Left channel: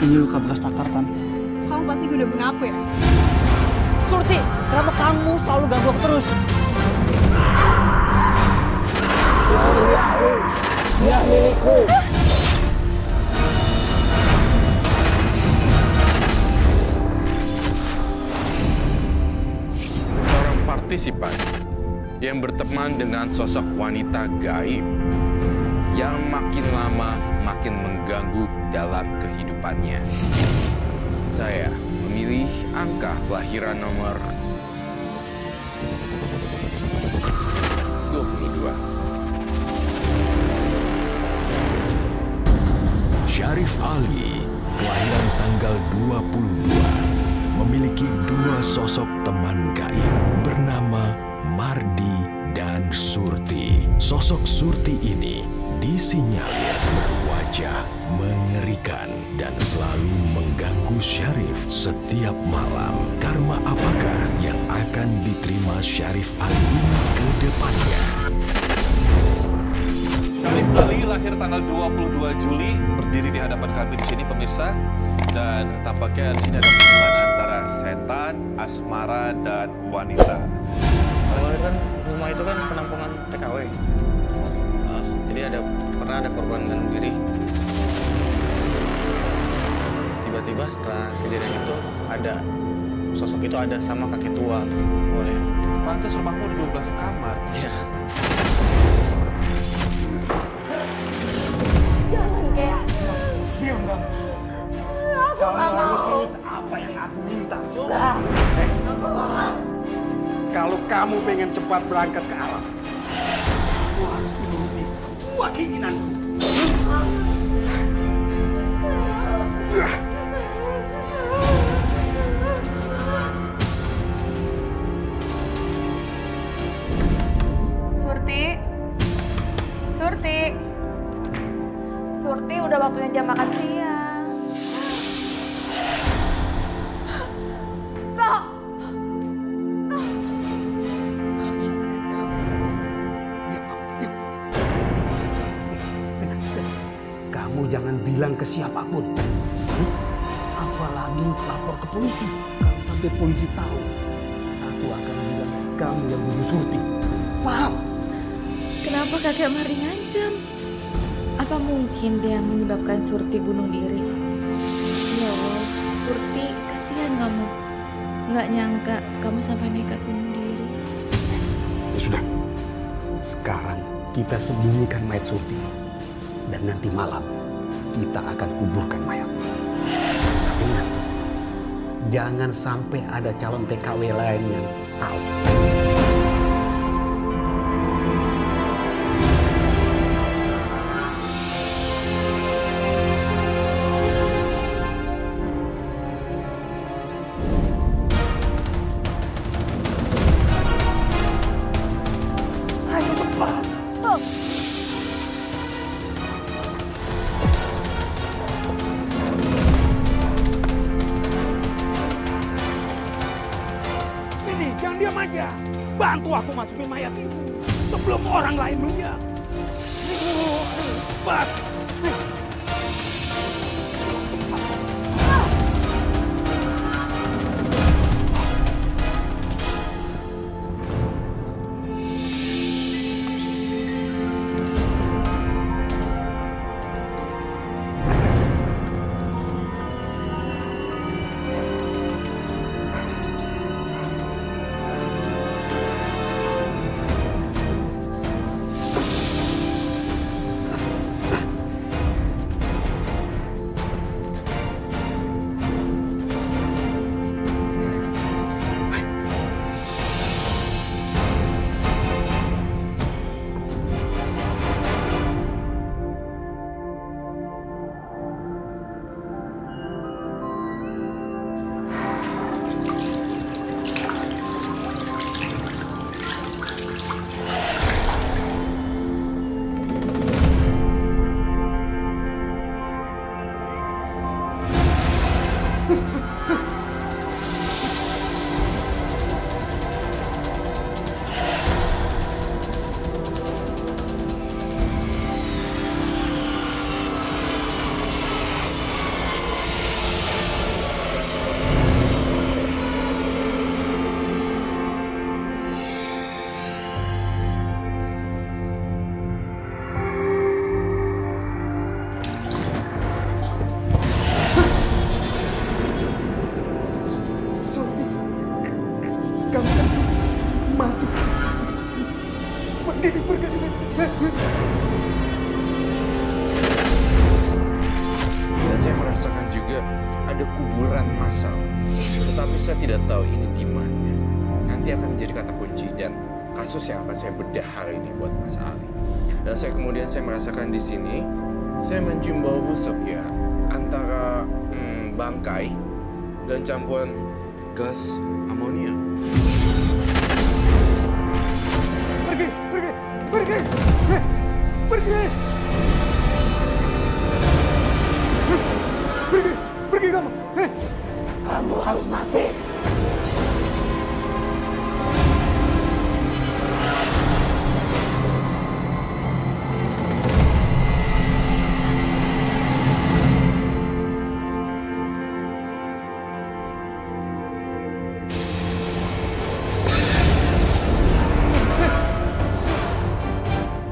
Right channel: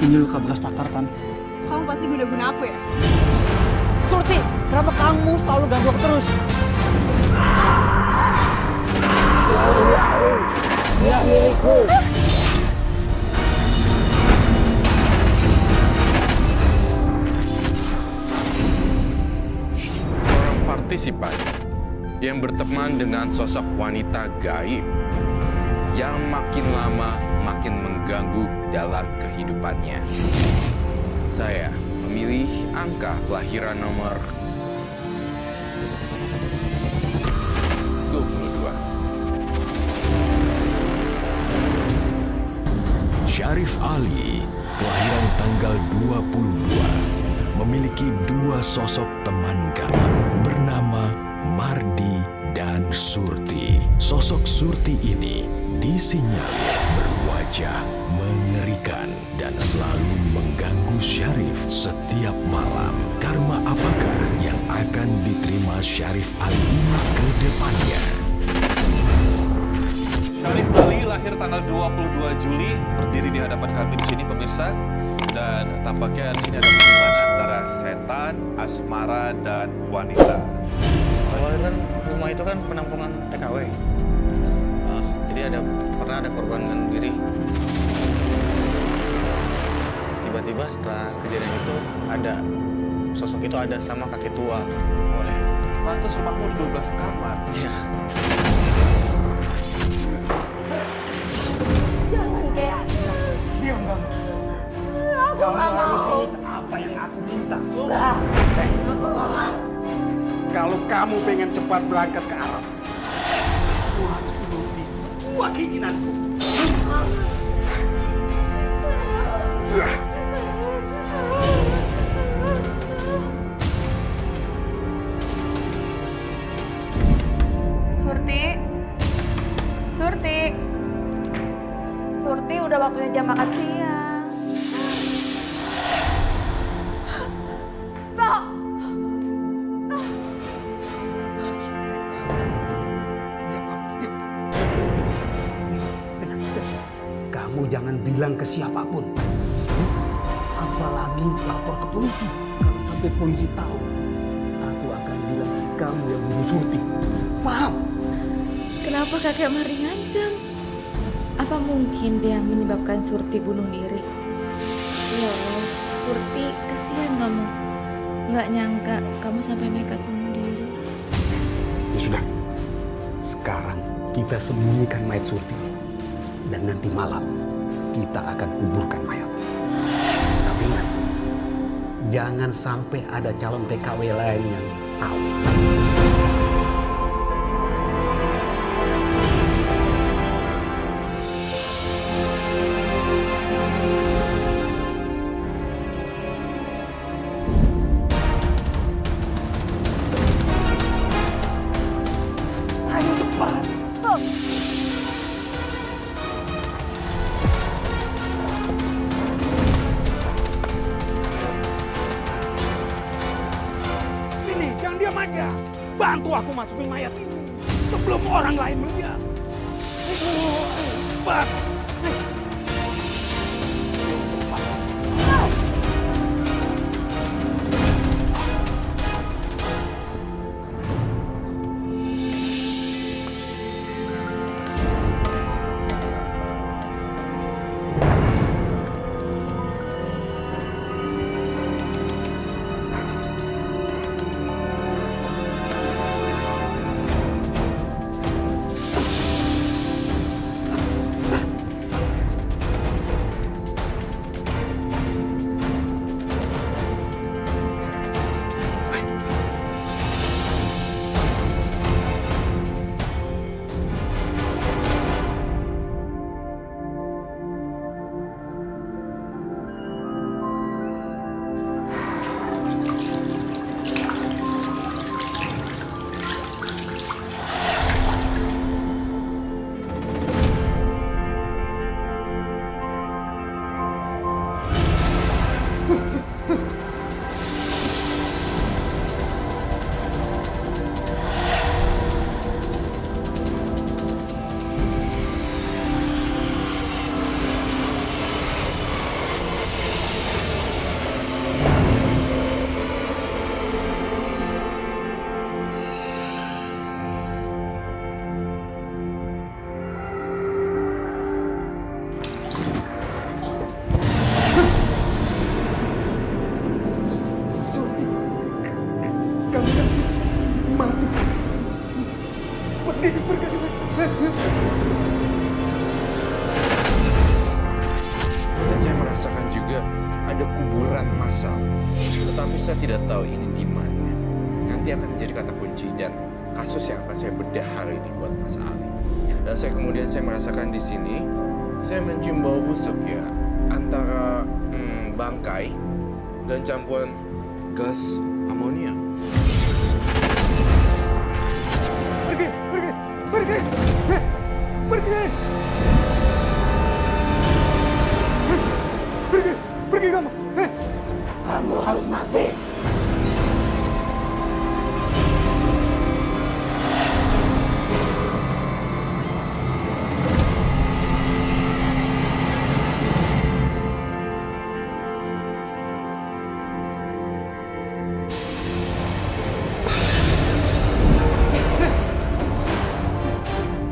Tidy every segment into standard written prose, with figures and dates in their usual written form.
Ini luka bekas takar, Tan. Kamu pasti guna-guna aku ya? Surti, kenapa kamu selalu ganggu aku terus? Dia milikku. Seorang partisipan yang berteman dengan sosok wanita gaib yang makin lama makin mengganggu dalam kehidupannya. Saya memilih angka kelahiran nomor 22. Syarif Ali, kelahiran tanggal 22, memiliki dua sosok teman gaib bernama Mardi dan Surti. Sosok Surti ini disinyalir berwajah mengerikan dan selalu mengganggu Syarif setiap malam. Karma apakah yang akan diterima Syarif Ali ini ke depannya? Syarif Ali lahir tanggal 22 Juli, berdiri di hadapan kami di sini pemirsa. Dan tampaknya di sini ada hubungan antara setan, asmara, dan wanita. Awalnya kan rumah itu kan penampungan TKW. Jadi pernah ada korban gantung diri. Tiba-tiba setelah kejadian itu ada sosok itu ada sama kakek tua. Boleh. Pantas rumahmu ada 12 kamar. Iya. Jangan kayak Diam kamu. Kamu harus nurut apa yang aku minta. Kalau kamu pengen cepat berangkat ke Arab, kamu harus menuruti semua keinginanku. Surti, udah waktunya jam makan siang. Kok? Kamu jangan bilang ke siapapun. Apalagi lapor ke polisi. Kalau sampai polisi tahu, aku akan bilang kamu yang bunuh Surti. Paham? Kenapa kakek Mari ngancam? Apa mungkin dia yang menyebabkan Surti bunuh diri? Ya Allah, Surti, kasihan kamu. Nggak nyangka kamu sampai nekat bunuh diri. Ya sudah. Sekarang kita sembunyikan mayat Surti ini. Dan nanti malam kita akan kuburkan mayat. Tapi ingat, jangan sampai ada calon TKW lain yang tahu. Ayo cepat. Ini, jangan diam aja. Bantu aku masukin mayat ini sebelum orang lain melihat. Ayo, cepat. ada kuburan massal. Tetapi saya tidak tahu ini di mana. Nanti akan menjadi kata kunci dan kasus yang akan saya bedah hari ini buat Mas Ali. Dan kemudian saya merasakan di sini, saya mencium bau busuk ya, antara bangkai dan campuran gas amonia. Pergi, pergi, pergi, pergi, pergi, pergi kamu. Kamu harus mati.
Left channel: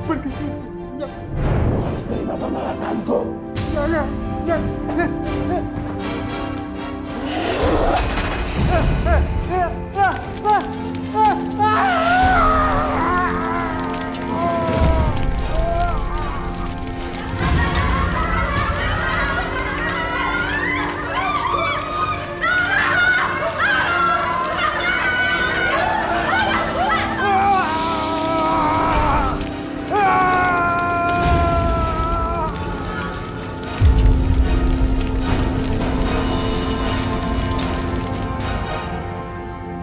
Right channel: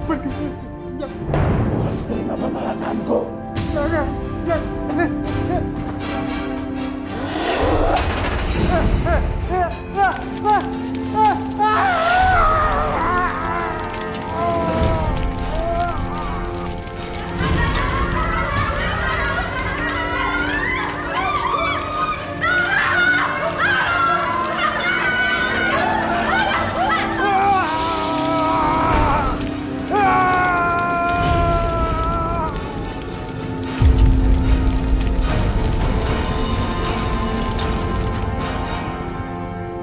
Kamu harus terima pembalasanku. Jangan.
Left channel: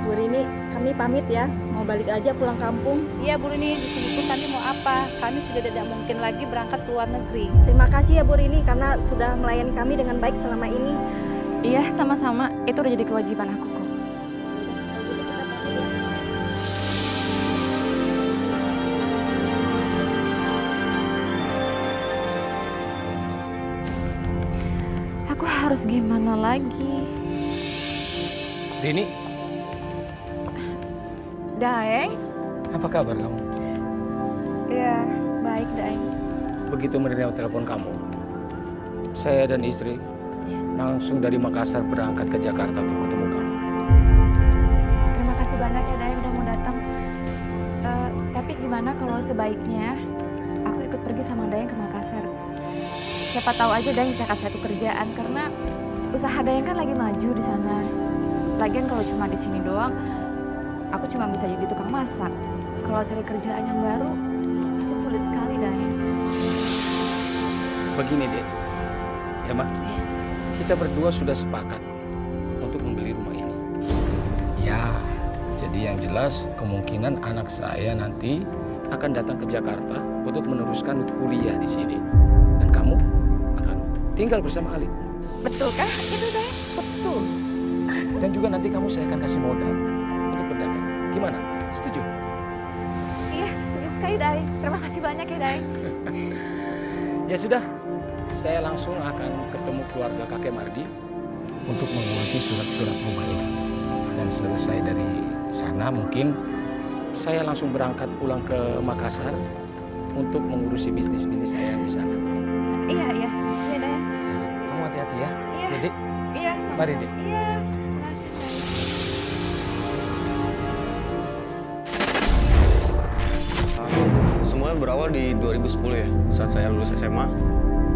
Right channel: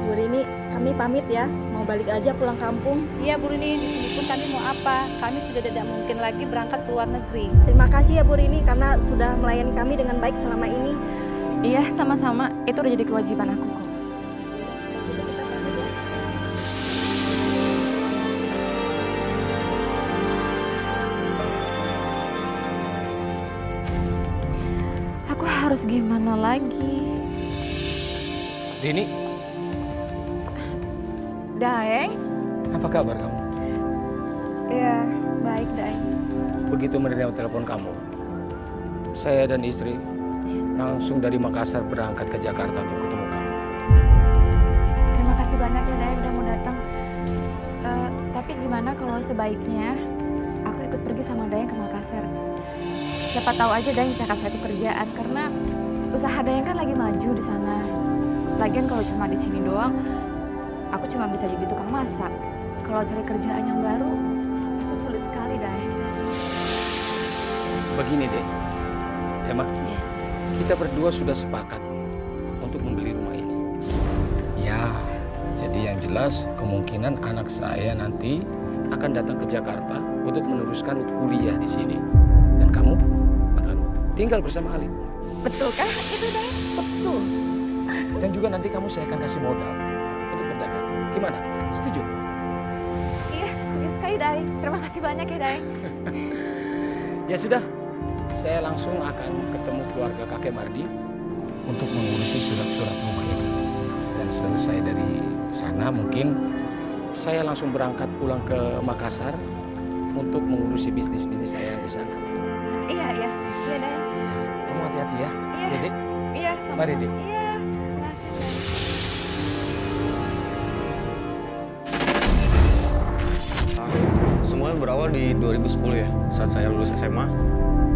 Bu Rini, kami pamit ya. Mau balik aja pulang kampung. Iya Bu Rini, di sini pun kami mau apa? Kami sudah tidak mungkin lagi berangkat ke luar negeri. Terima kasih ya Bu Rini karena sudah melayani kami dengan baik selama ini. Iya, sama-sama. Itu udah jadi kewajiban aku kok. Kalau gitu kita pamit ya. Aku harus gimana lagi? Rini, Daeng? apa kabar kamu? Iya, baik Daeng. Begitu menerima telepon kamu, saya dan istri langsung dari Makassar berangkat ke Jakarta untuk ketemu kamu. Terima kasih banyak ya Daeng udah mau datang. Tapi gimana kalau sebaiknya aku ikut pergi sama Daeng ke Makassar? Siapa tahu aja Daeng bisa kasih aku kerjaan karena usaha Daeng kan lagi maju di sana. Lagian kalau cuma di sini doang, aku cuma bisa jadi tukang masak. Kalau cari kerjaan yang baru, pasti sulit sekali, Daeng. Begini, Dek. Emma, Iya. kita berdua sudah sepakat untuk membeli rumah ini. Ya, jadi yang jelas kemungkinan anak saya nanti akan datang ke Jakarta untuk meneruskan kuliah di sini. Dan kamu akan tinggal bersama Ali. Betul kah itu, Daeng? Betul. Dan juga nanti kamu saya akan kasih modal untuk berdagang. Gimana? Setuju? Iya, setuju sekali, Daeng. Terima kasih banyak ya, Daeng. Ya sudah, saya langsung akan ketemu keluarga kakek Mardi untuk mengurusi surat-surat rumah ini. Dan selesai dari sana mungkin saya langsung berangkat pulang ke Makassar untuk mengurusi bisnis-bisnis saya yang di sana. Iya, iya. Iya, Daeng. Ya, kamu hati-hati ya, Iya. Dedek. Iya, sama-sama. Mari, Dek. Iya, makasih, Daeng. Semuanya berawal di 2010 ya, saat saya lulus SMA.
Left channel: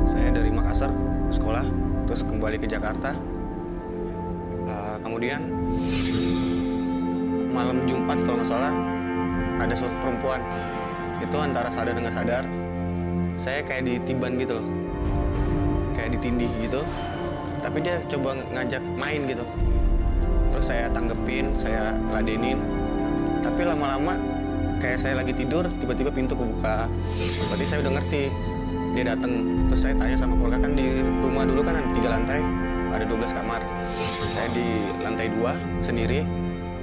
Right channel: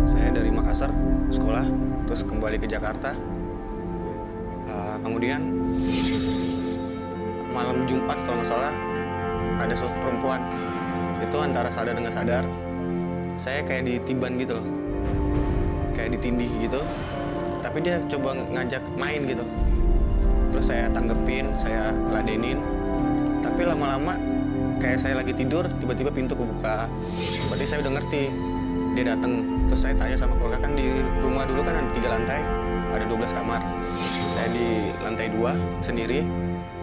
Saya dari Makassar sekolah, terus kembali ke Jakarta. Kemudian malam Jumat kalau nggak salah ada sosok perempuan. Itu antara sadar dengan sadar. Saya kayak ditiban gitu loh, kayak ditindih gitu. Tapi dia coba ngajak main gitu. Terus saya tanggepin, saya ladenin. Tapi lama-lama kayak saya lagi tidur, tiba-tiba pintu kebuka. Berarti saya udah ngerti. Dia datang, terus saya tanya sama keluarga, kan di rumah dulu kan ada 3 lantai, ada 12 kamar. Saya di lantai 2 sendiri.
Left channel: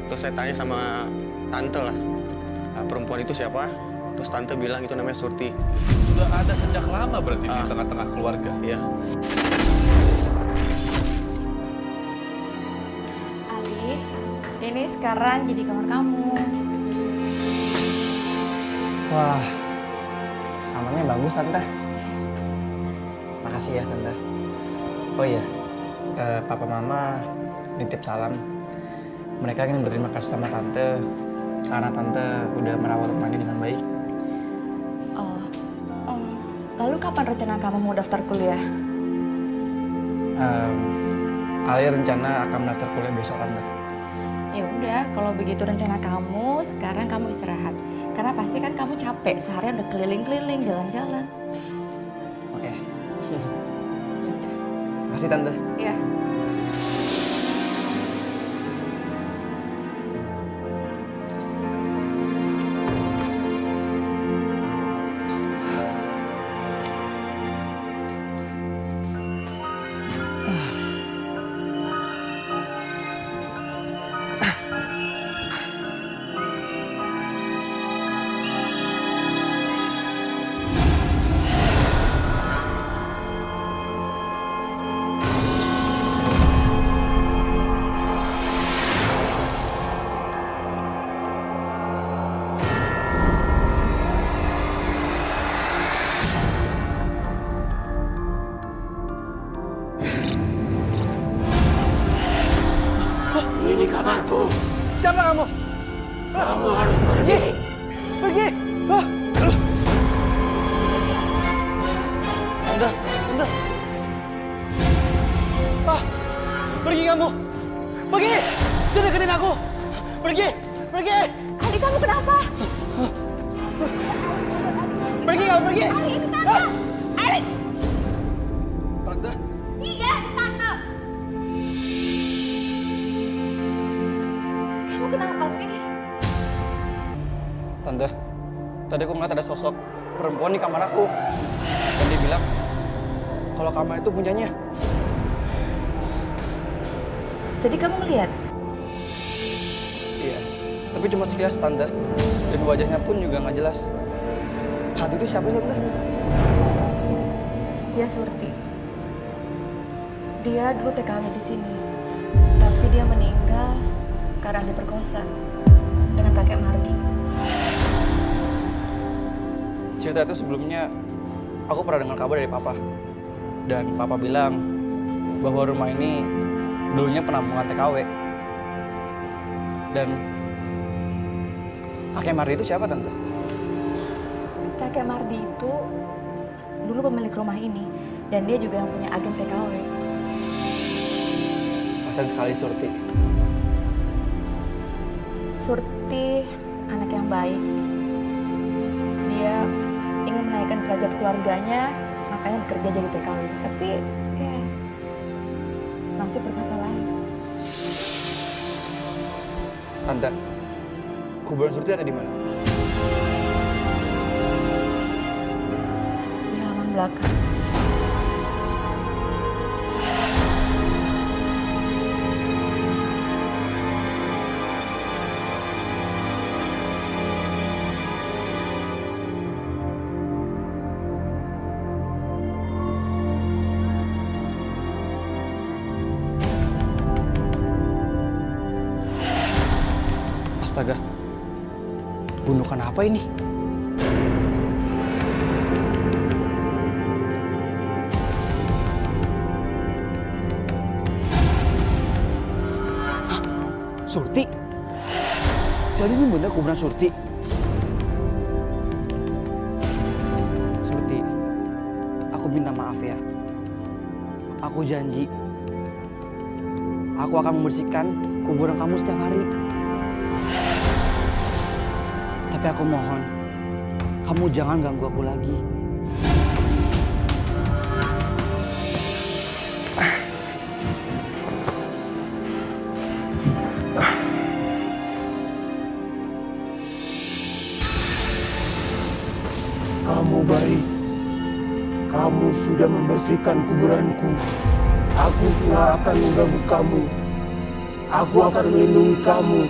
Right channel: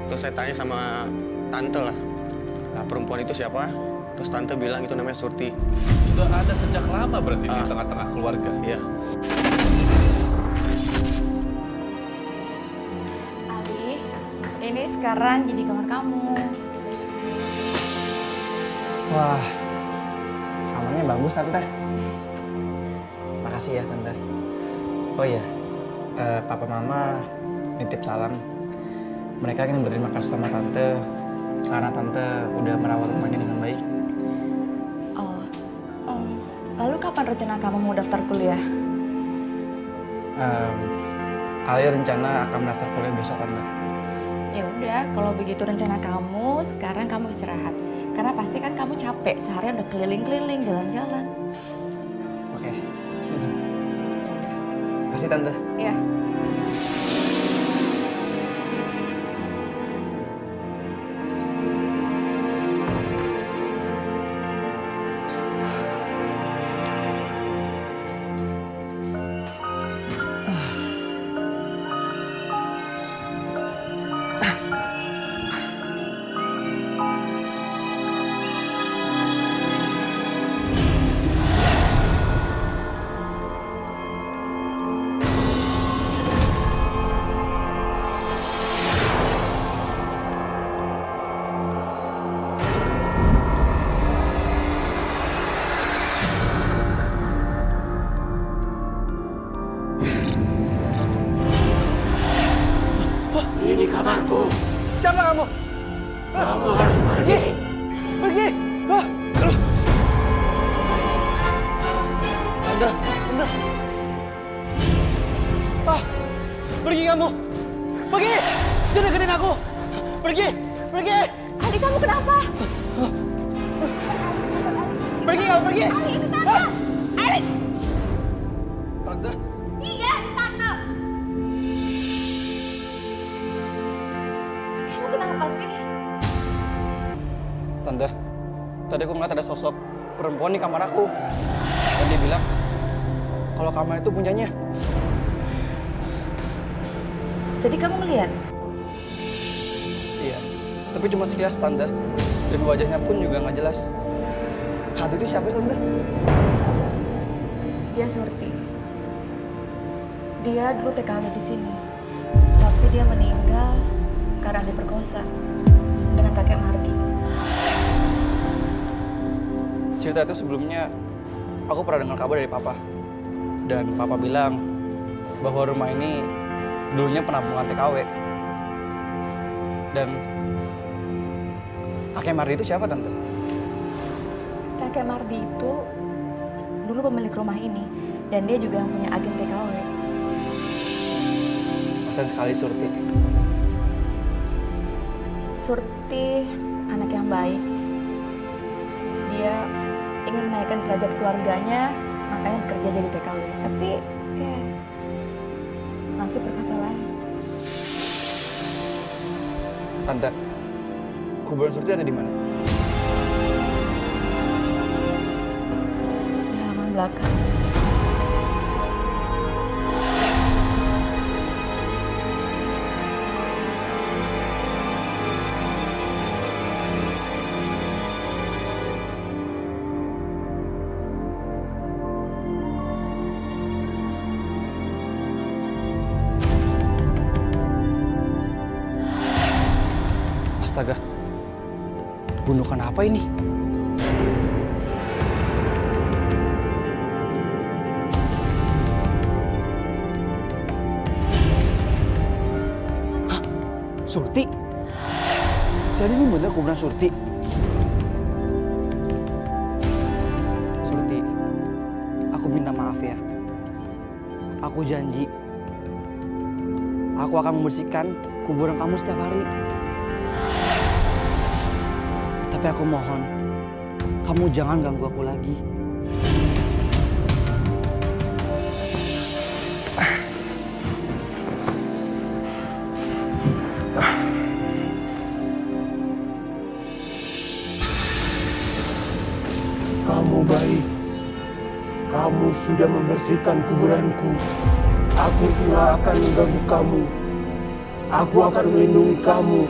Terus saya tanya sama tante lah, perempuan itu siapa? Terus tante bilang itu namanya Surti. Sudah ada sejak lama berarti di tengah-tengah keluarga. Iya. Ali, ini sekarang jadi kamar kamu. Wah, kamarnya bagus, Tante. Makasih ya, Tante. Oh iya, Papa Mama nitip salam. Mereka ingin berterima kasih sama Tante karena Tante udah merawat rumah ini dengan baik. Oh, lalu kapan rencana kamu mau daftar kuliah? Ali rencana akan mendaftar kuliah besok, Tante. Ya udah, kalau begitu rencana kamu, sekarang kamu istirahat. Karena pasti kan kamu capek, seharian udah keliling-keliling, jalan-jalan. Oke. Ya udah. Makasih, Tante. Iya. Ini kamarku. Siapa kamu? Kamu harus pergi. Pergi! Tante. Pergi kamu! Pergi! Jangan deketin aku! Pergi! Ali, kamu kenapa? Pergi kamu, pergi! Ali, ini Tante. Ali. Tante? Iya, ini Tante. Kamu kenapa sih? Tante, tadi aku ngeliat ada sosok perempuan di kamar aku. Dan dia bilang, kalau kamar itu punyanya. Jadi kamu ngeliat? Iya, tapi cuma sekilas, Tante. Dan wajahnya pun juga nggak jelas. Hantu itu siapa, Tante? Dia Surti. Dia dulu TKW di sini. Tapi dia meninggal karena diperkosa dengan kakek Mardi. Cerita itu sebelumnya aku pernah dengar kabar dari Papa. Dan Papa bilang bahwa rumah ini dulunya penampungan TKW. Dan kakek Mardi itu siapa, Tante? Kakek Mardi itu dulu pemilik rumah ini. Dan dia juga yang punya agen TKW. Kasian sekali Surti. Surti anak yang baik. Dia ingin menaikkan derajat keluarganya, makanya bekerja jadi TKW. Tapi ya, nasib berkata lain. Tante, kuburan Surti ada di mana? Di halaman belakang. Astaga, gundukan apa ini? Hah? Surti? Jadi ini bener kuburan Surti? Surti, aku minta maaf ya. Aku janji, aku akan membersihkan kuburan kamu setiap hari. Tapi aku mohon, kamu jangan ganggu aku lagi. Kamu baik. Kamu sudah membersihkan kuburanku. Aku tidak akan mengganggu kamu. Aku akan melindungi kamu.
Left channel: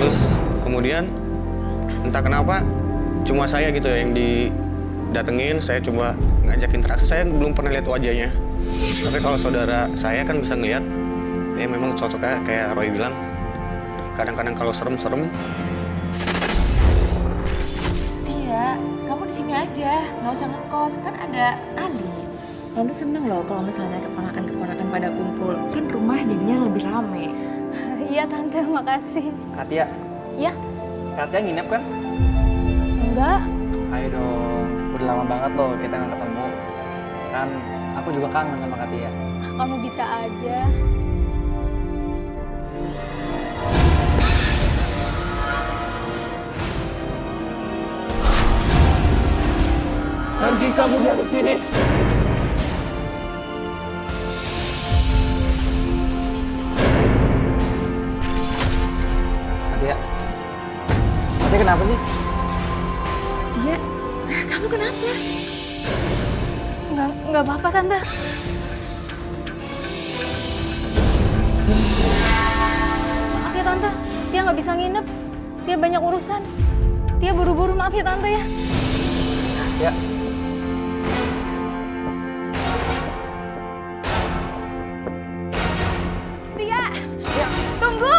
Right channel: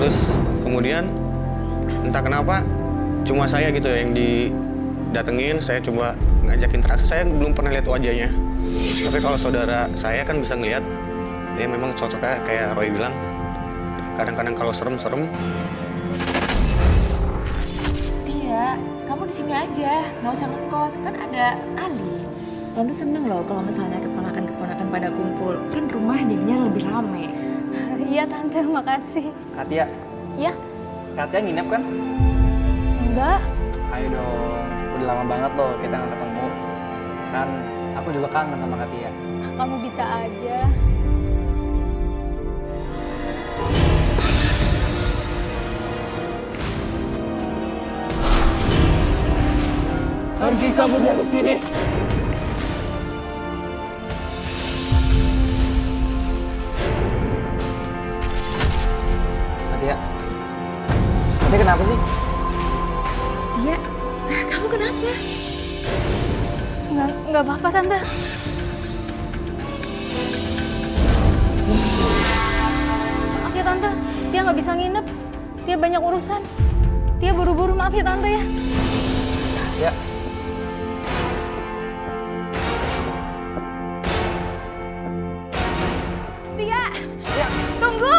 Terus kemudian entah kenapa cuma saya gitu ya yang didatengin, saya coba ngajak interaksi, saya belum pernah lihat wajahnya. Tapi kalau saudara saya kan bisa ngelihat, dia memang cocoknya kayak Roy bilang, kadang-kadang kalau serem-serem. Tia, kamu di sini aja, nggak usah ngekos, kan ada Ali. Tante seneng loh kalau misalnya keponakan-keponakan pada kumpul, kan rumah jadinya lebih rame. Iya Tante, makasih. Katia, Ya, Katia nginep kan? enggak. Ayo dong, udah lama banget loh kita nggak ketemu. Kan aku juga kangen sama Kak Tia. Kamu bisa aja. Pergi kamu dari sini. Tia. Tia kenapa sih? Dia, kamu kenapa? Nggak apa-apa, Tante. Maaf ya, Tante. Tia nggak bisa nginep. Tia banyak urusan. Tia buru-buru, maaf ya, Tante ya. Ya. Tia! Tia! Tunggu!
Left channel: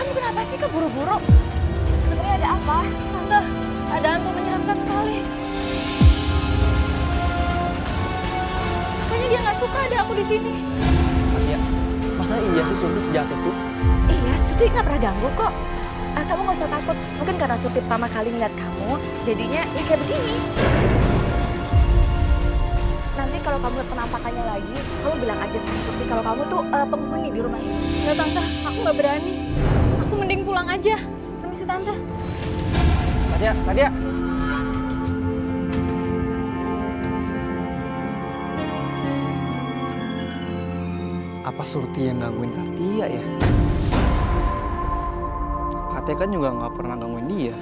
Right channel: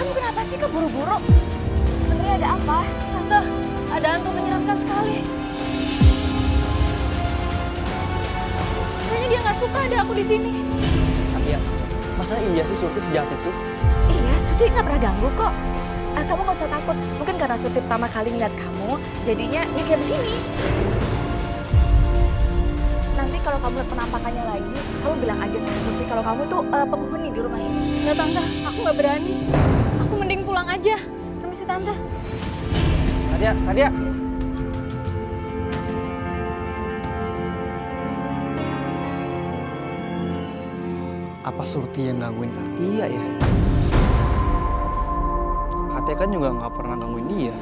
Kamu kenapa sih keburu-buru? Sebenarnya ada apa? Tante, ada hantu menyeramkan sekali. Kayaknya dia nggak suka ada aku di sini. Tia, masa iya sih Surti sejahat itu? Iya, Surti nggak pernah ganggu kok. Kamu nggak usah takut. Mungkin karena Surti pertama kali ngeliat kamu, jadinya ya kayak begini. Nanti kalau kamu lihat penampakannya lagi, kamu bilang aja sama Surti kalau kamu tuh penghuni di rumah ini. Nggak, Tante, aku nggak berani. Aku mending pulang aja. Permisi, Tante. Kak Tia. Apa Surti yang gangguin Kak Tia ya? Kak Tia kan juga nggak pernah gangguin dia.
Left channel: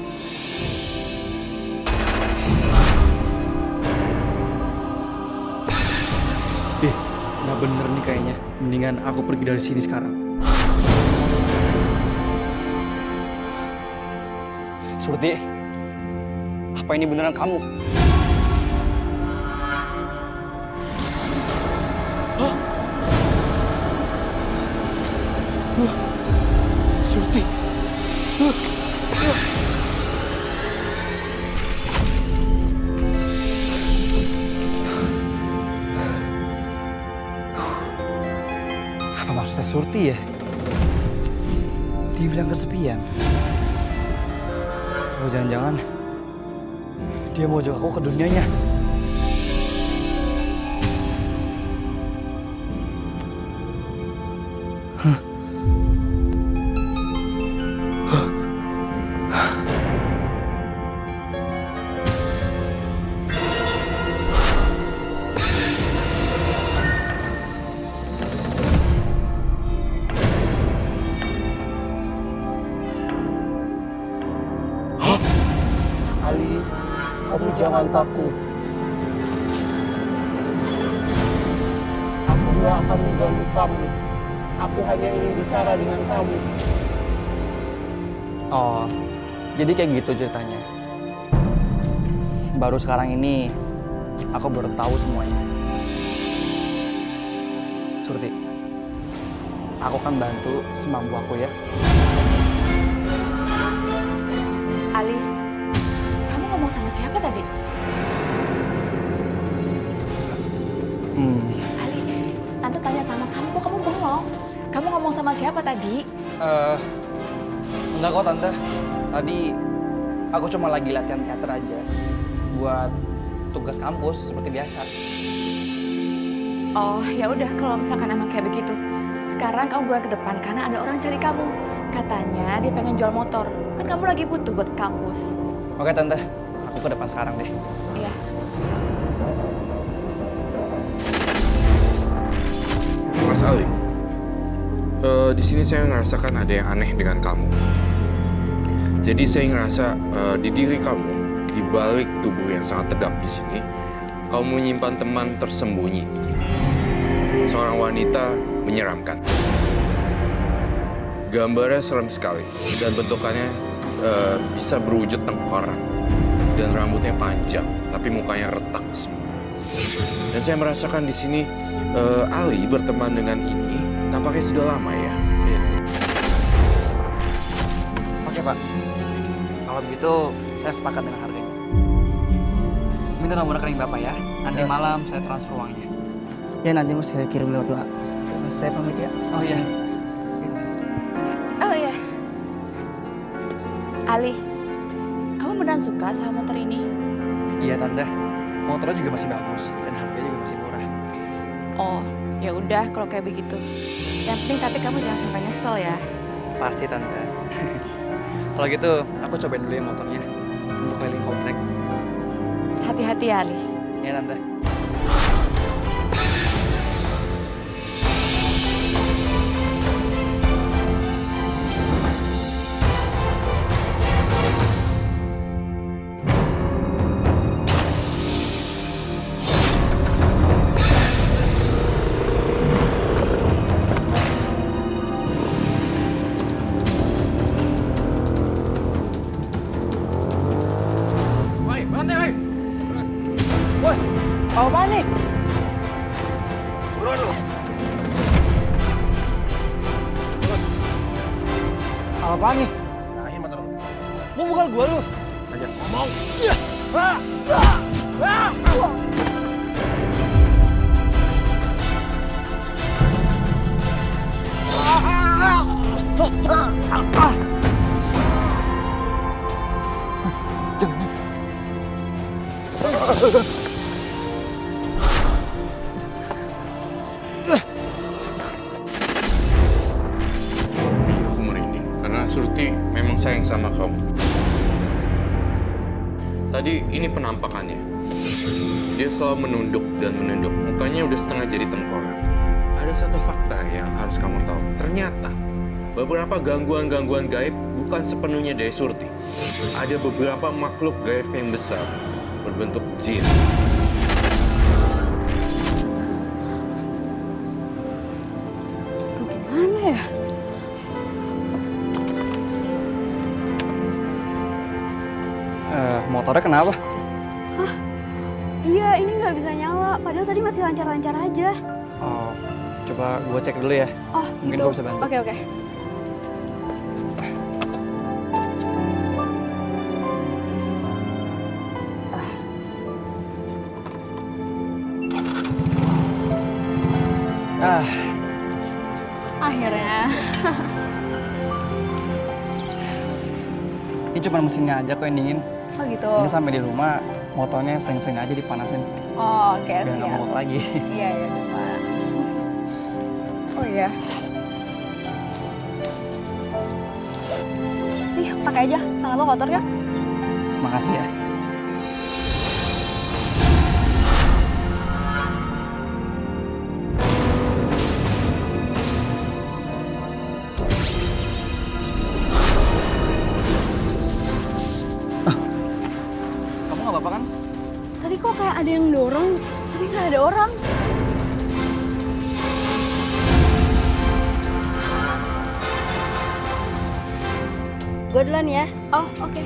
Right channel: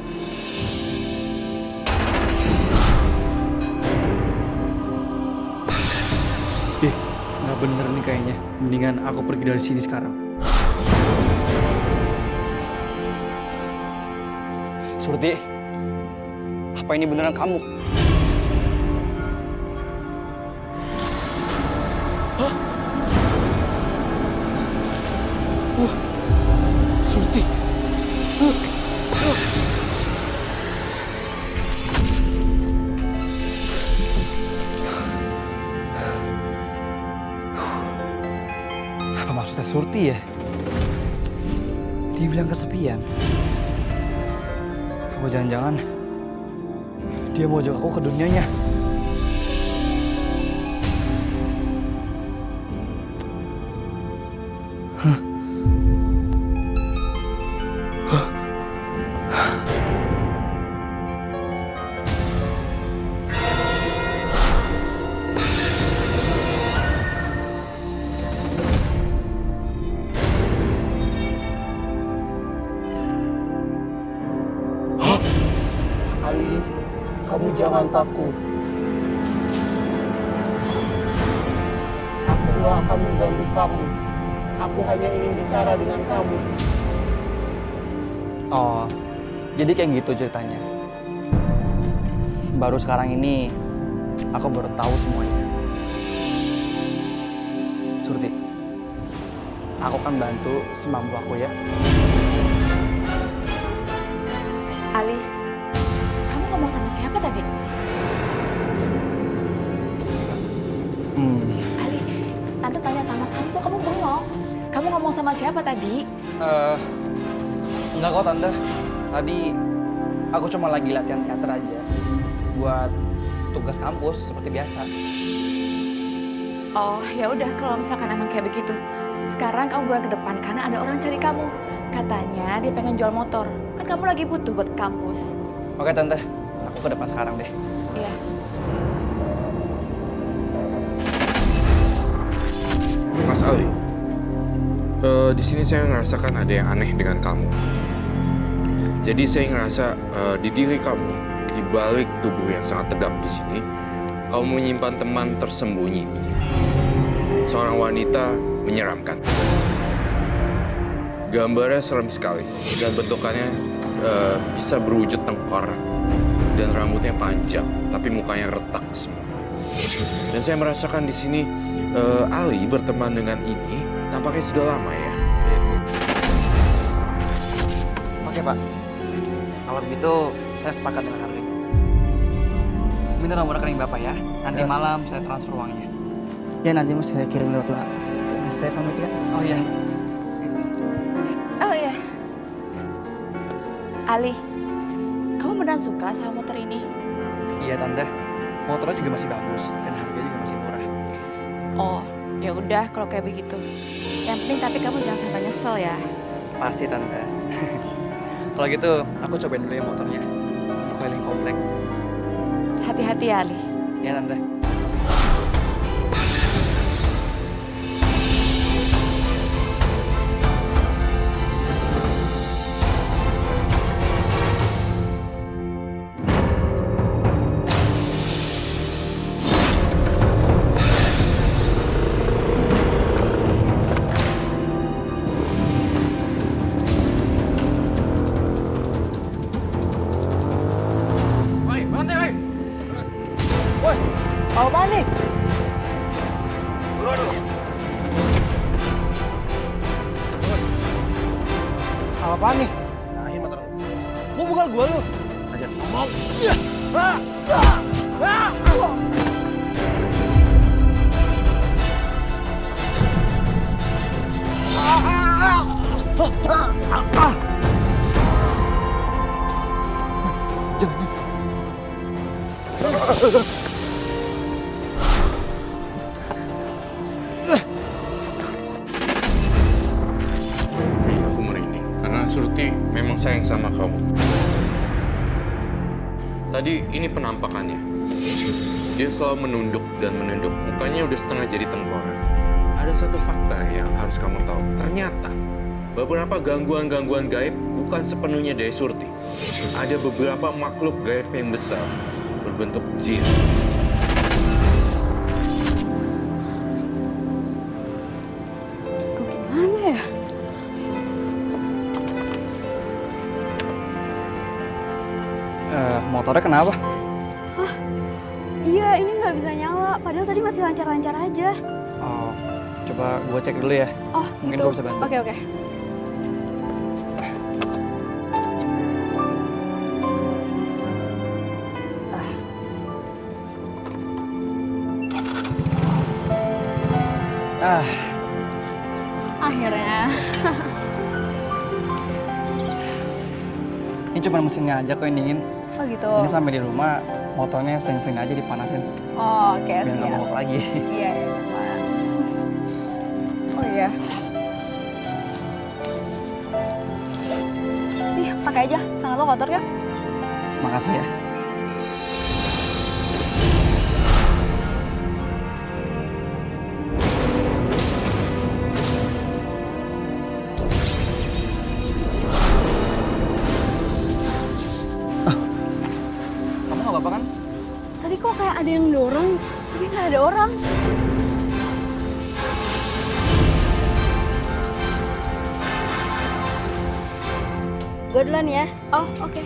Nggak bener nih kayaknya. Mendingan aku pergi dari sini sekarang. Surti, apa ini beneran kamu? Hah? Surti. Apa maksudnya Surti ya? Dia bilang kesepian. Oh jangan-jangan dia mau ajak aku ke dunianya. Ali, kamu jangan takut. Aku nggak akan mengganggu kamu. Aku hanya ingin bicara dengan kamu. Oh, jadi kayak gitu ceritanya. Baru sekarang ini aku baru tahu semuanya. Surti, aku akan bantu semampu aku ya. Ali, kamu ngomong sama siapa tadi? Ali, Tante tanya sama kamu, kok kamu bengong? Kamu ngomong sama siapa tadi? Enggak kok Tante. Tadi aku cuma lagi latihan teater aja. Buat tugas kampus seperti biasa. Oh, ya udah kalau misalkan emang kayak begitu. Sekarang kamu buruan ke depan karena ada orang cari kamu. Katanya dia pengen jual motor. Kan kamu lagi butuh buat kampus. Oke Tante, aku ke depan sekarang deh. Iya. Mas Ali, di sini saya ngerasakan ada yang aneh dengan kamu. Jadi saya ngerasa di diri kamu, di balik tubuh yang sangat tegap di sini, kamu menyimpan teman tersembunyi. Seorang wanita menyeramkan. Gambarnya serem sekali dan bentukannya bisa berwujud tengkorak dan rambutnya panjang, tapi mukanya retak semua. Dan saya merasakan di sini Ali berteman dengan ini tampaknya sudah lama ya. Oke Pak, kalau begitu saya sepakat dengan harganya. Minta nomor rekening Bapak ya, nanti malam saya transfer uangnya. Ya nanti mas saya kirim lewat WA. Saya pamit ya. Oh iya. Oh iya. Ali, kamu beneran suka sama motor ini? Iya Tante. Motornya juga masih bagus dan harganya juga masih murah. Oh, ya udah kalau kayak begitu. Yang penting tapi kamu jangan sampai nyesel ya. Pasti Tante. Kalau gitu aku cobain dulu ya motornya untuk keliling komplek. Hati-hati ya, Ali. Ya Tante. Apaan nih? Turun lu. Apaan nih? Serahin motor lu. Mau bukal gua lu? Ajar ngomong. Aku merinding karena Surti memang sayang sama kamu. Tadi ini penampakannya. Dia selalu menunduk dan menunduk. Mukanya udah setengah jadi tengkorak. Ada satu fakta yang harus kamu tahu. Ternyata beberapa gangguan-gangguan gaib bukan sepenuhnya dari Surti. Ada beberapa makhluk gaib yang besar berbentuk jin. Gimana ya? Motornya kenapa? Hah? Iya, ini nggak bisa nyala. Padahal tadi masih lancar-lancar aja. Oh, coba gue cek dulu ya. Oh, Mungkin gitu. gue bisa bantu. Oke. Akhirnya. Ini cuma mesinnya aja kok yang dingin. Oh gitu. Ini sampai di rumah motornya sering-sering aja dipanasin. Oh, oke, Biar nggak siap. mogok lagi. Iya, Pak. Oh iya. Nih, pakai aja. Tangan lo kotor kan? Makasih ya. Kamu nggak apa-apa kan? Tadi kok kayak ada yang dorong, tapi nggak ada orang. Gue duluan ya. Oh, oke.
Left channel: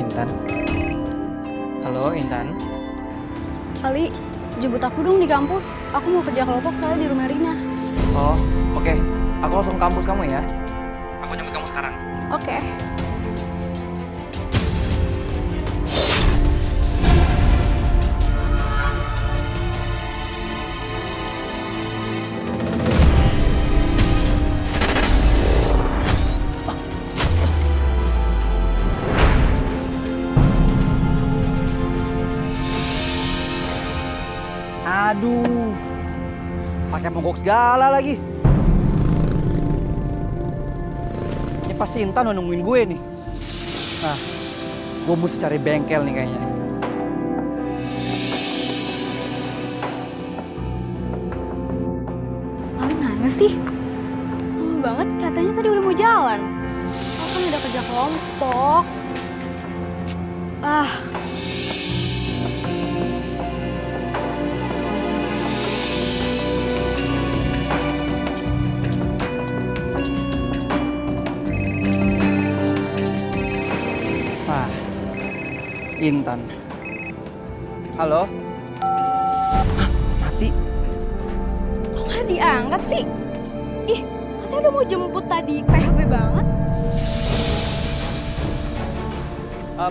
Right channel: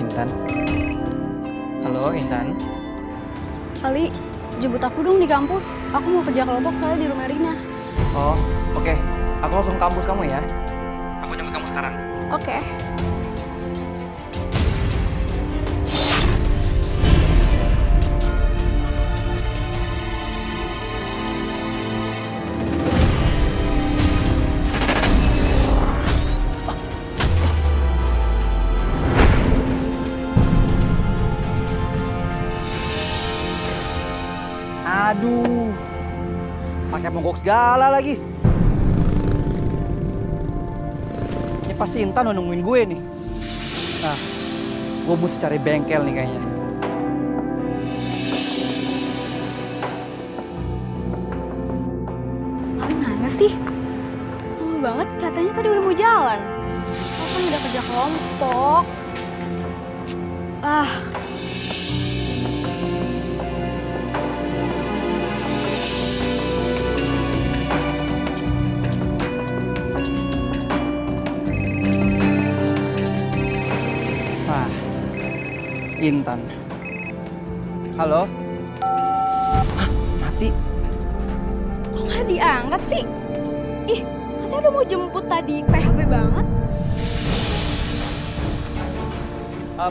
Intan. Halo, Intan. Ali, jemput aku dong di kampus. Aku mau kerja kelompok soalnya di rumah Rina. Oh, oke. Aku langsung ke kampus kamu ya. Aku jemput kamu sekarang. Oke. Aduh, pakai mogok segala lagi. Ini pasti Intan udah nungguin gue nih. Nah, gue mesti cari bengkel nih kayaknya. Ali mana sih? Lama banget, katanya tadi udah mau jalan. Aku kan udah kerja kelompok. Ah. Nah, Intan. Halo? Hah, mati. Kok nggak diangkat sih? Ih, katanya udah mau jemput tadi. PHP banget.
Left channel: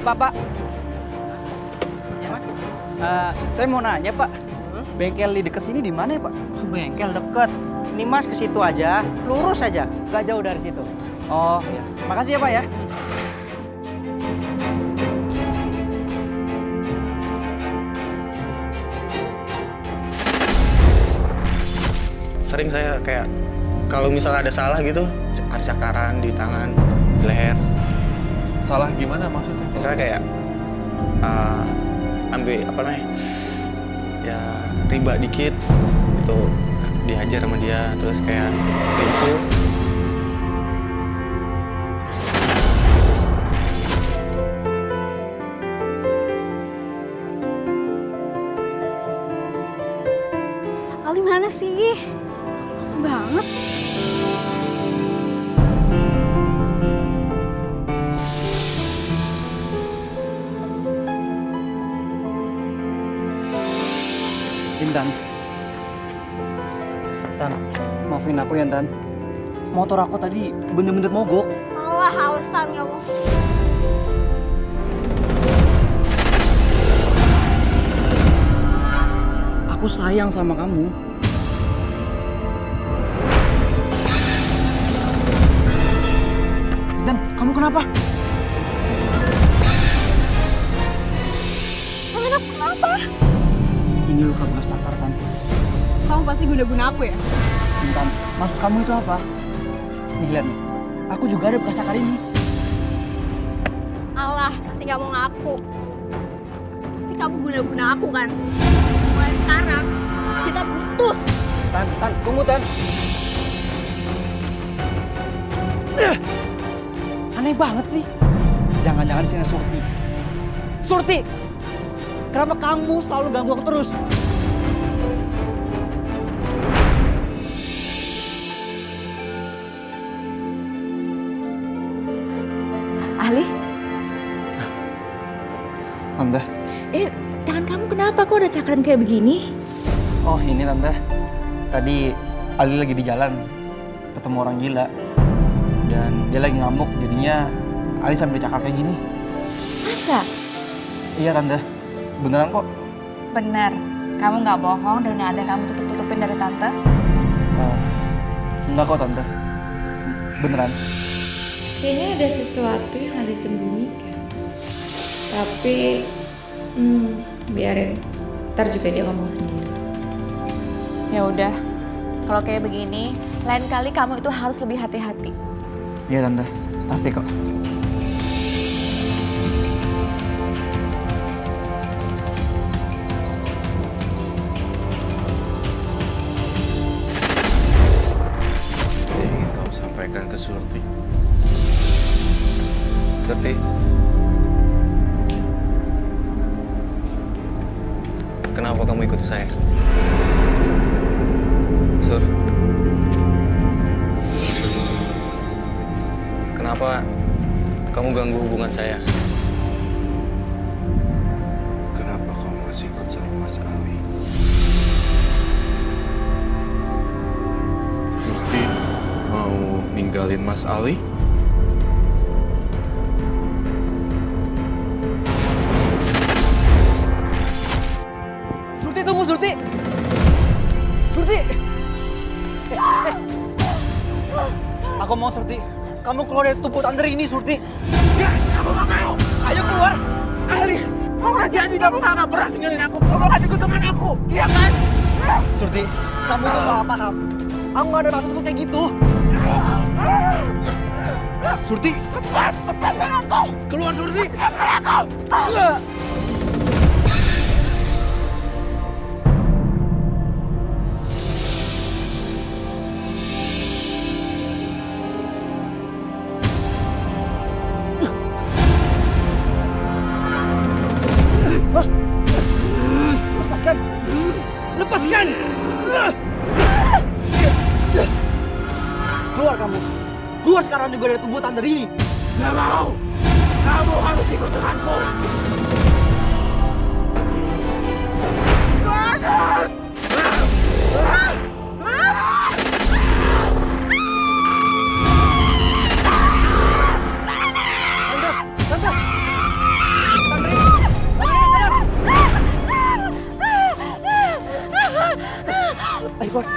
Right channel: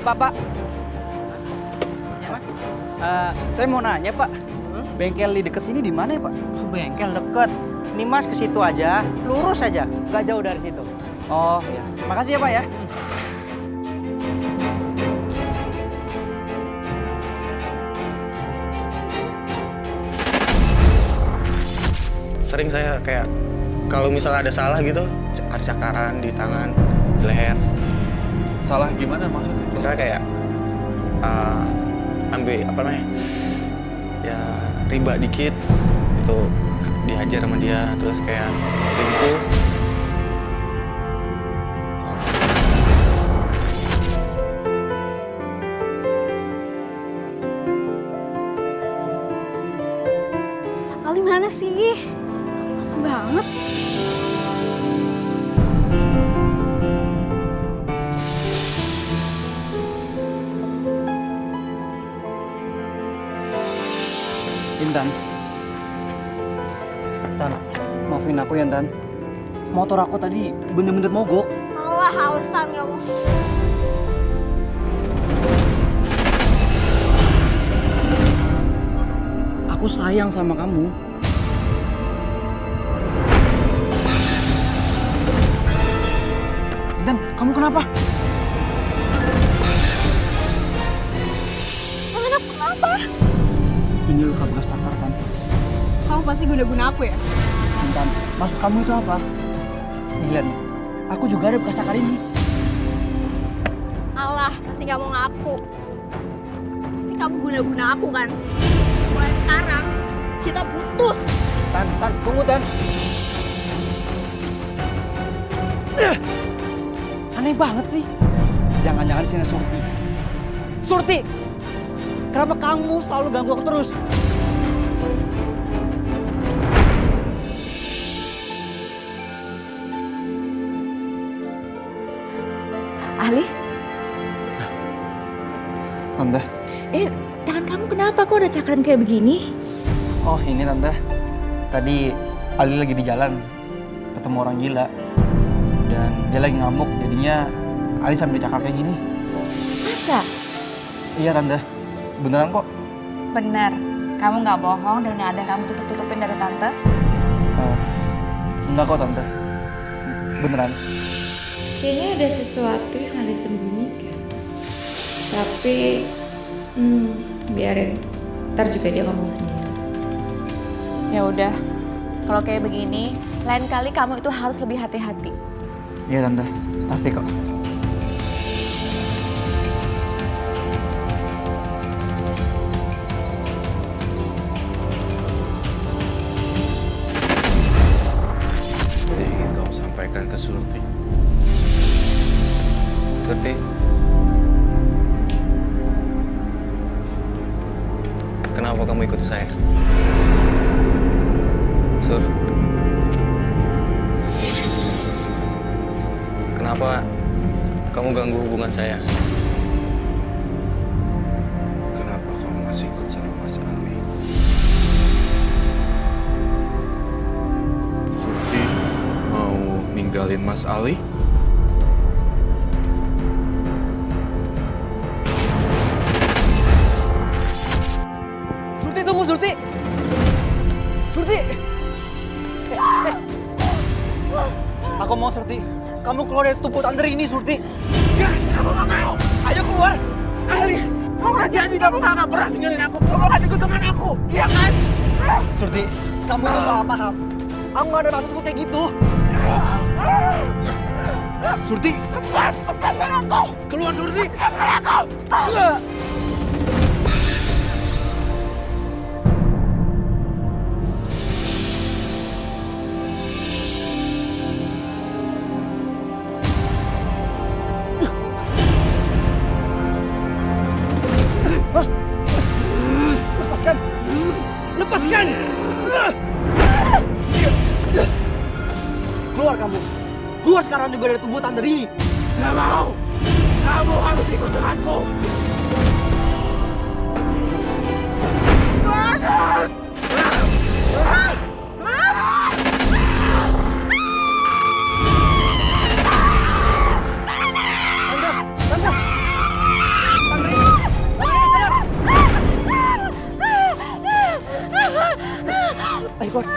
Pak. Saya mau nanya, Pak. Bengkel di deket sini di mana ya, Pak? Bengkel deket. Ini Mas ke situ aja, lurus aja, nggak jauh dari situ. Oh, ya. Makasih ya, Pak ya. Sering saya kayak kalau misalnya ada salah gitu, ada cakaran di tangan, di leher. Salah gimana maksudnya? Misalnya kayak ambil apa namanya, ya riba dikit, itu dihajar sama dia, terus kayak selingkuh. Ali mana sih? Lama banget. Intan. Tan, maafin aku ya, Tan. Motor aku tadi bener-bener mogok. Allah, hausan kamu. Aku sayang sama kamu. Dan kamu kenapa? Tangan aku kenapa? Ini luka bekas tatar, Tan. Kamu pasti guna-guna aku ya? Intan, maksud kamu itu apa? Nih, lihat nih. Aku juga ada bekas cakar ini. Allah, pasti nggak mau ngaku. Pasti kamu guna-guna aku kan? Mulai sekarang, kita putus. Tan, tunggu, Tan. Aneh banget sih. Jangan-jangan di sini Surti. Surti! Kenapa kamu selalu ganggu aku terus? Ali, Tante. tangan kamu kenapa? Kok ada cakaran kayak begini? Oh, ini Tante. Tadi Ali lagi di jalan ketemu orang gila. Dan dia lagi ngamuk, jadinya Ali sambil cakar kayak gini. Masa? Iya, Tante. Beneran kok. Benar. Kamu nggak bohong dan nggak ada yang kamu tutup-tutupin dari tante? Enggak kok, Tante. Beneran. Kayaknya ada sesuatu yang ada sembunyikan. Tapi, biarin. Ntar juga dia ngomong sendiri. Ya udah, kalau kayak begini, lain kali kamu itu harus lebih hati-hati. Iya, Tante. Pasti kok. Yang ingin kamu sampaikan ke Surti? Surti, kenapa kamu ikut saya? Sur, kenapa kamu ganggu hubungan saya? Kenapa kamu masih ikut sama Mas Ali? Surti mau ninggalin Mas Ali? Surti, tunggu, Surti! Surti! Aku mau, Surti. Kamu keluar dari tubuh Tante ini, Surti. Ya, kamu gak mau. Ayo keluar! Ali, kamu udah janji kamu gak pernah ninggalin aku. Kamu akan ikut dengan aku, iya kan? Surti, kamu itu salah paham. Aku gak ada maksudku kayak gitu. Surti! Lepaskan aku! Keluar, Surti! Lepaskan aku! Enggak! Lepaskan! Lepaskan! Keluar kamu! Keluar sekarang juga dari tubuh Tante ini! Gak mau! Kamu harus ikut denganku! Bagus! Tante! Tante! Tante, sadar! Ayo keluar.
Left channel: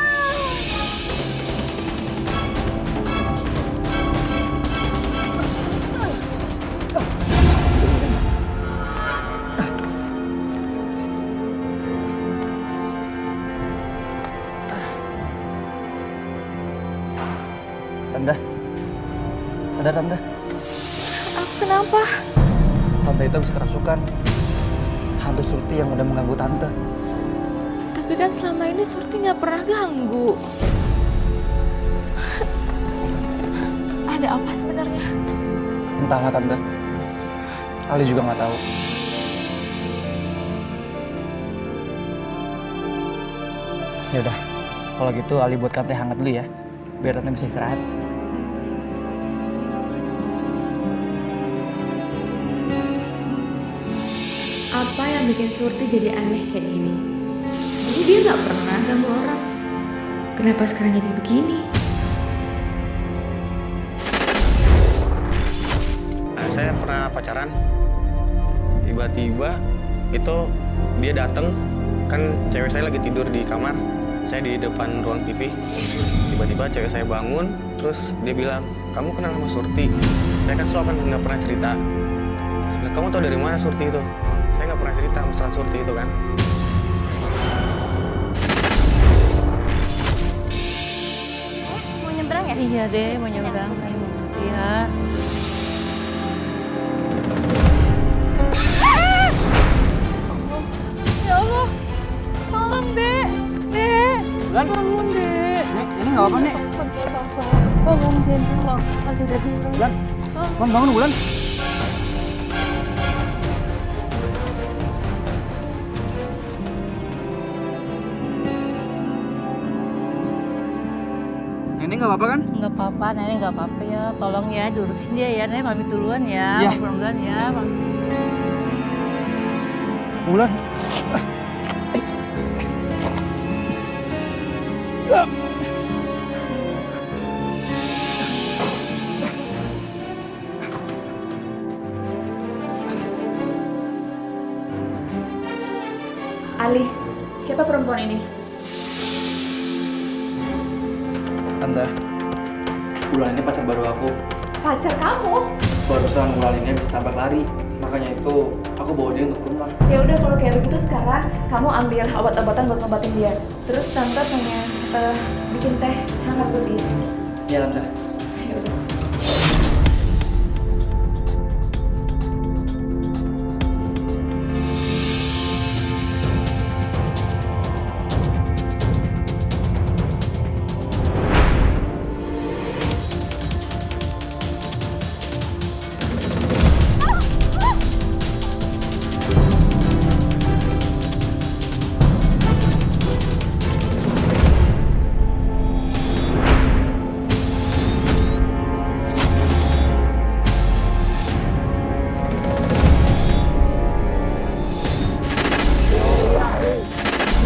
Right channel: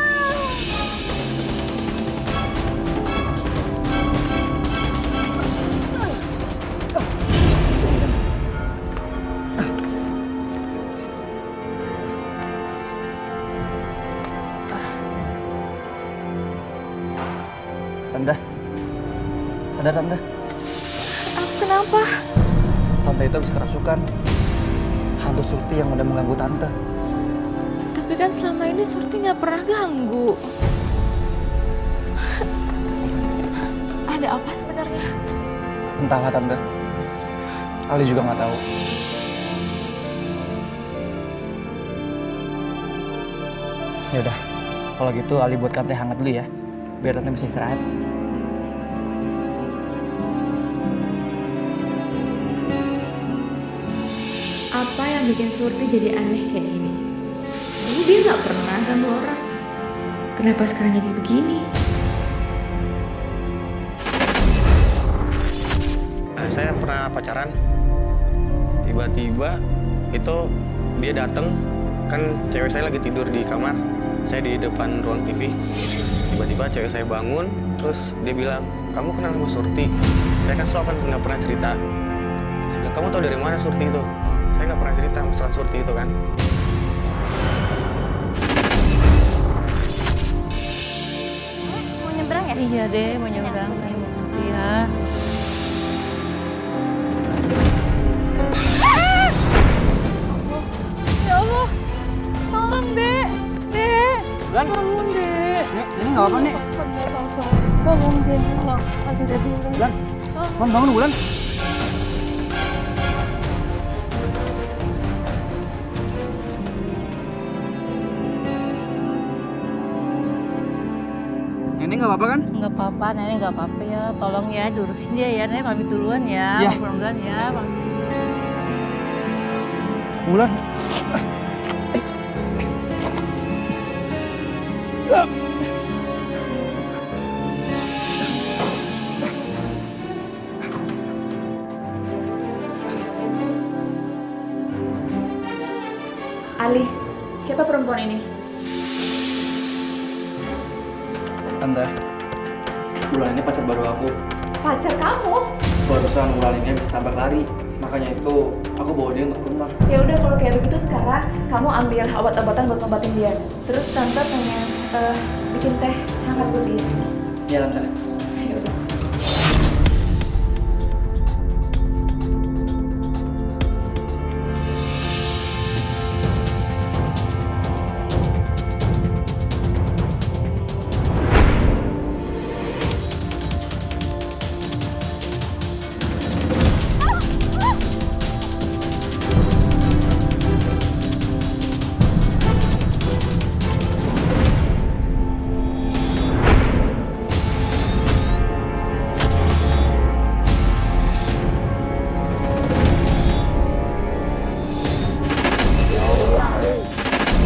Tante, sadar Tante. Aku kenapa? Tante itu habis kerasukan. Hantu Surti yang udah mengganggu Tante. Tapi kan selama ini Surti nggak pernah ganggu. Ada apa sebenarnya? Entahlah Tante. Ali juga nggak tahu. Ya udah, kalau gitu Ali buatkan teh hangat dulu ya, biar Tante bisa istirahat. Apa yang bikin Surti jadi aneh kayak gini? Dulu dia nggak pernah ganggu orang. Kenapa sekarang jadi begini? Saya pernah pacaran, tiba-tiba itu dia dateng, kan cewek saya lagi tidur di kamar, saya di depan ruang TV. Tiba-tiba cewek saya bangun, terus dia bilang, kamu kenal sama Surti? Saya kan sok kan nggak pernah cerita. Saya bilang, kamu tahu dari mana Surti itu? Saya nggak pernah cerita masalah Surti itu kan. Mau nyebrang ya? Iya deh, mau nyebrang. Terima kasih ya. Ya Allah, tolong Dek, Dek, bangun Dek. Nek, ini nggak apa-apa Nek. Bangun Jen, tolong. Lagi jadi Bulan, bangun Bulan. Nenek nggak apa-apa kan? Nggak apa-apa, Nenek nggak apa-apa ya. Tolong ya, diurusin dia ya, Nenek pamit duluan ya. Iya. Mudah-mudahan ya. Bulan. Ali, siapa perempuan ini? Tante, Bulan ini pacar baru aku. Pacar kamu? Barusan Bulan ini habis tabrak lari. Makanya itu aku bawa dia untuk ke rumah. Ya udah kalau kayak begitu sekarang kamu ambil obat-obatan buat ngobatin dia. Terus tante pengen bikin teh hangat buat dia. Iya Tante. Ya udah.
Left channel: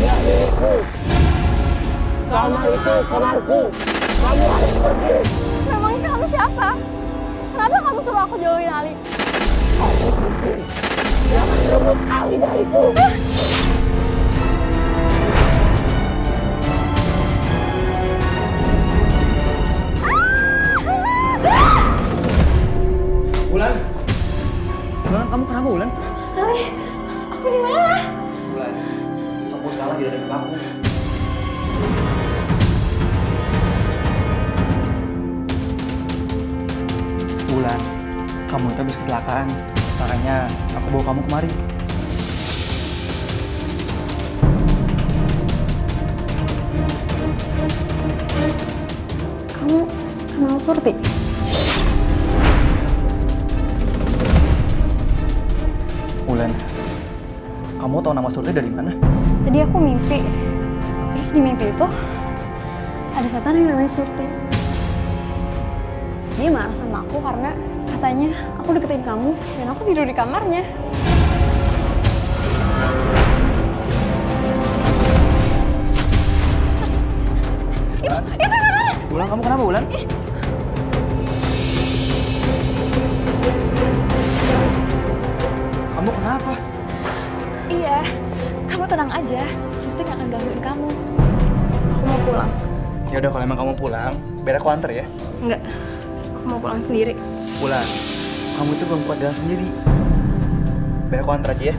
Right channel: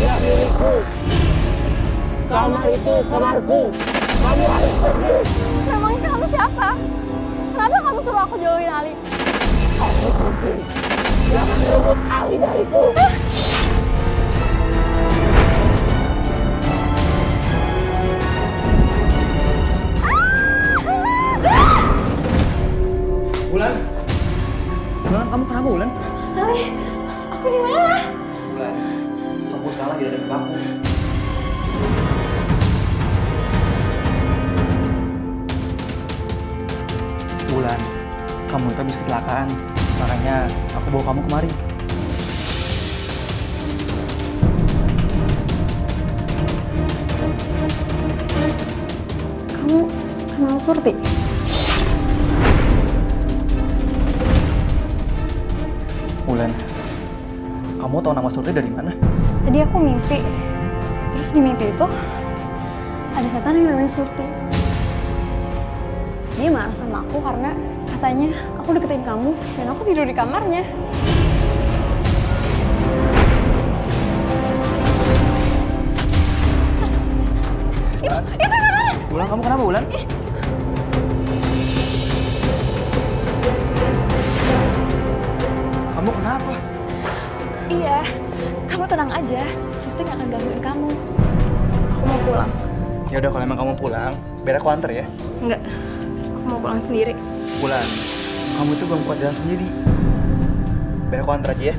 Dia milikku. Kamar itu kamarku. Kamu harus pergi. Memangnya kamu siapa? Kenapa kamu suruh aku jauhin Ali? Aku Surti. Jangan rebut Ali dariku. Bulan. Bulan, kamu kenapa Bulan? Ali, aku di mana? Bulan, kamu sekarang lagi ada di aku. Bulan, kamu itu habis kecelakaan. Makanya aku bawa kamu kemari. Kamu kenal Surti? Bulan, kamu tahu nama Surti dari mana? Tadi aku mimpi. Terus di mimpi itu ada setan yang namanya Surti. Dia marah sama aku karena katanya aku deketin kamu dan aku tidur di kamarnya. Itu sebenarnya. Bulan, kamu kenapa Bulan? Kamu kenapa? Iya, kamu tenang aja. Surti gak akan gangguin kamu. Aku pulang. Ya udah kalau emang kamu pulang, biar aku anter ya. Enggak, aku mau pulang sendiri. Wulan, kamu itu belum kuat jalan sendiri. Biar aku anter aja ya.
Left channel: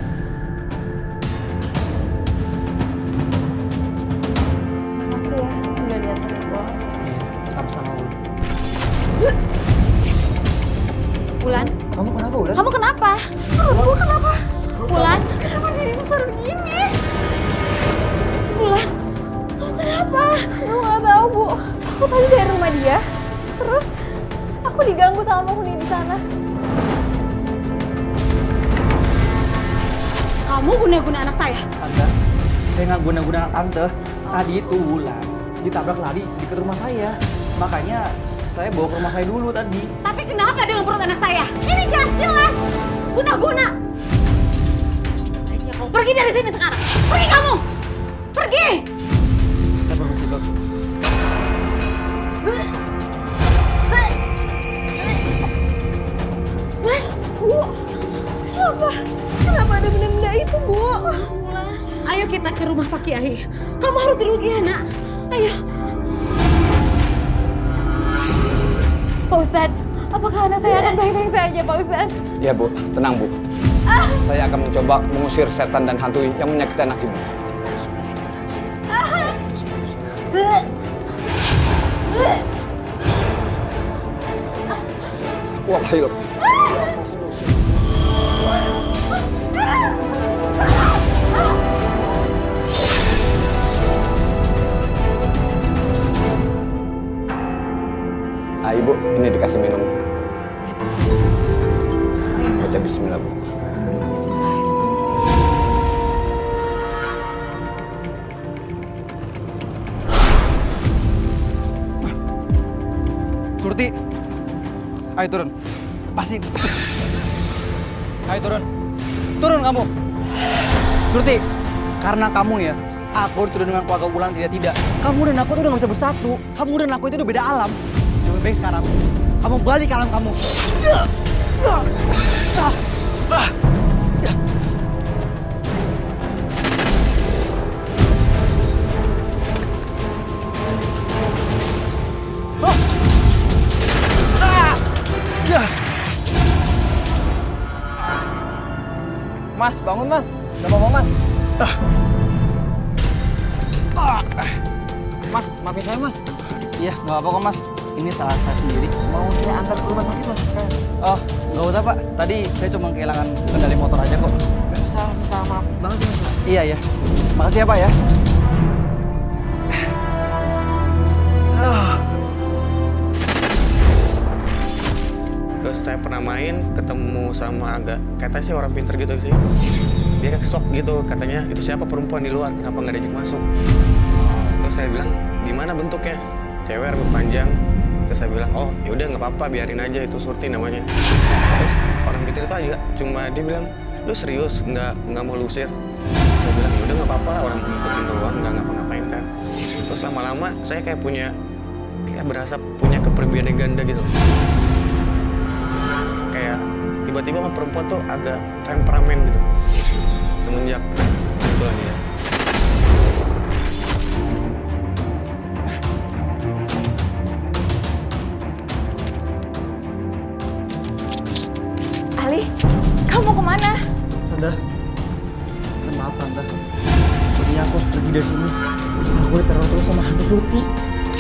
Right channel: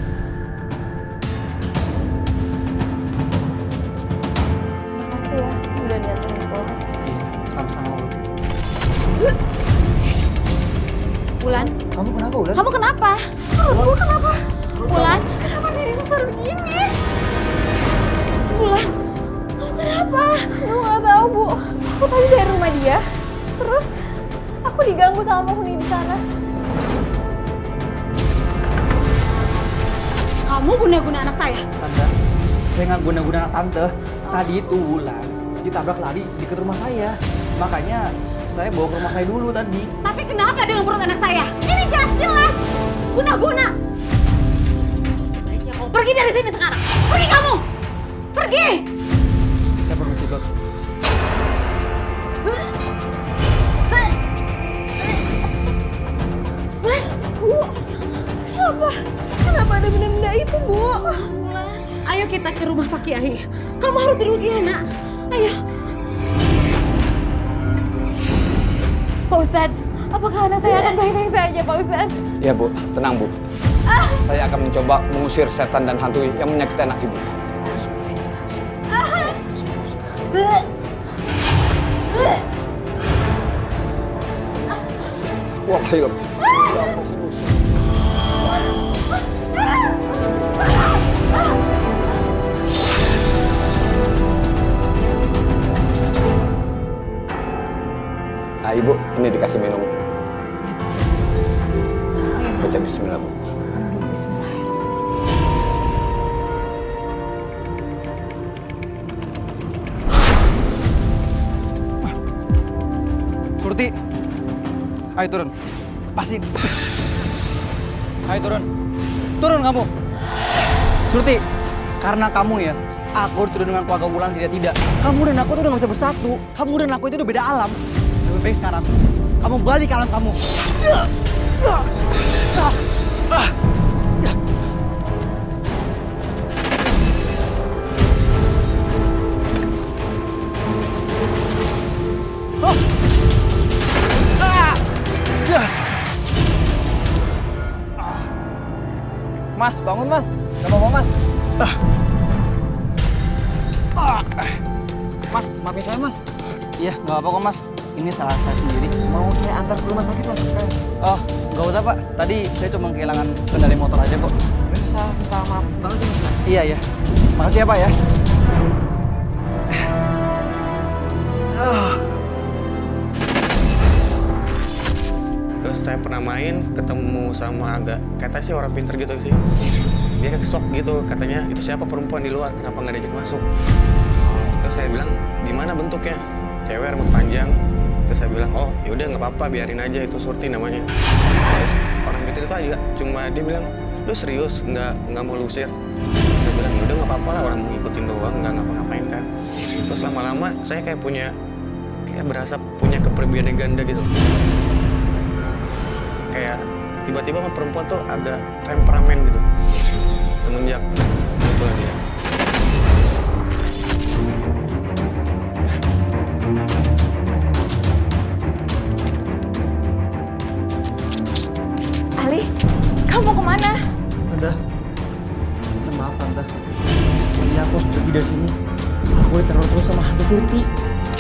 Makasih ya, udah diantarin pulang. Iya, sama-sama Wulan. Wulan, Kamu kenapa Wulan? kamu kenapa? Gue kenapa? Wulan, kenapa diri besar begini? Wulan, kamu kenapa? Gue nggak tahu Bu. Aku tadi dari rumah dia, terus aku diganggu sama penghuni di sana. Kamu guna-guna anak saya? Tante, saya nggak guna-guna anak tante. Tadi itu Wulan ditabrak lari di dekat rumah saya. Makanya saya bawa ke rumah saya dulu tadi. Tapi kenapa dengan perut anak saya? Ini jelas-jelas guna-guna. Sebaiknya kamu pergi dari sini sekarang. Pergi kamu! Pergi! Saya permisi dulu. Wulan, Bu, kenapa? Kenapa ada benda-benda itu, Bu? Wulan, ayo kita ke rumah Pak Kiai. Kamu harus duduk ya, nak. Ayo. Pak Ustadz, apakah anak saya akan baik-baik saja, Pak Ustadz? Ya Bu, tenang Bu. Saya akan mencoba mengusir setan dan hantu yang menyakiti anak Ibu. Wallahi Ibu, ini dikasih minum. Baca bismillah, Bu. Surti, ayo turun. Lepasin. Ayo turun. Turun kamu. Surti, karena kamu ya, aku turun dengan keluarga Wulan tidak. Kamu dan aku tuh udah gak bisa bersatu. Kamu dan aku itu udah beda alam. Lebih baik sekarang, kamu balik ke alam kamu. Mas, bangun Mas. Gak apa-apa Mas. Mas, maafin saya Mas. Iya, nggak apa-apa kok Mas. Ini salah saya sendiri. Mau saya antar ke rumah sakit Mas. Oh, nggak usah Pak. Tadi saya cuma kehilangan kendali motor aja kok. Gak usah minta maaf banget sih Mas. Iya ya. Makasih ya Pak ya. Terus saya pernah main, ketemu sama agak, katanya sih orang pinter gitu sih. Dia kayak shock gitu, katanya itu siapa perempuan di luar, kenapa nggak diajak masuk. Terus saya bilang, gimana bentuknya? Cewek rambut panjang. Terus saya bilang, oh yaudah nggak apa-apa, biarin aja, itu Surti namanya. Terus orang pinter itu aja, cuma dia bilang, lu serius nggak mau lusir? Saya bilang, yaudah nggak apa-apa lah, orang mau ngikutin doang, nggak ngapa-ngapain kan. Terus lama-lama saya kayak berasa punya kepribadian ganda gitu. Kayak tiba-tiba sama perempuan tuh agak temperamen gitu. Semenjak itulah dia. Ali, kamu mau kemana? Tante, maaf Tante. Sepertinya aku harus pergi dari sini. Aku diteror terus sama hantu Surti.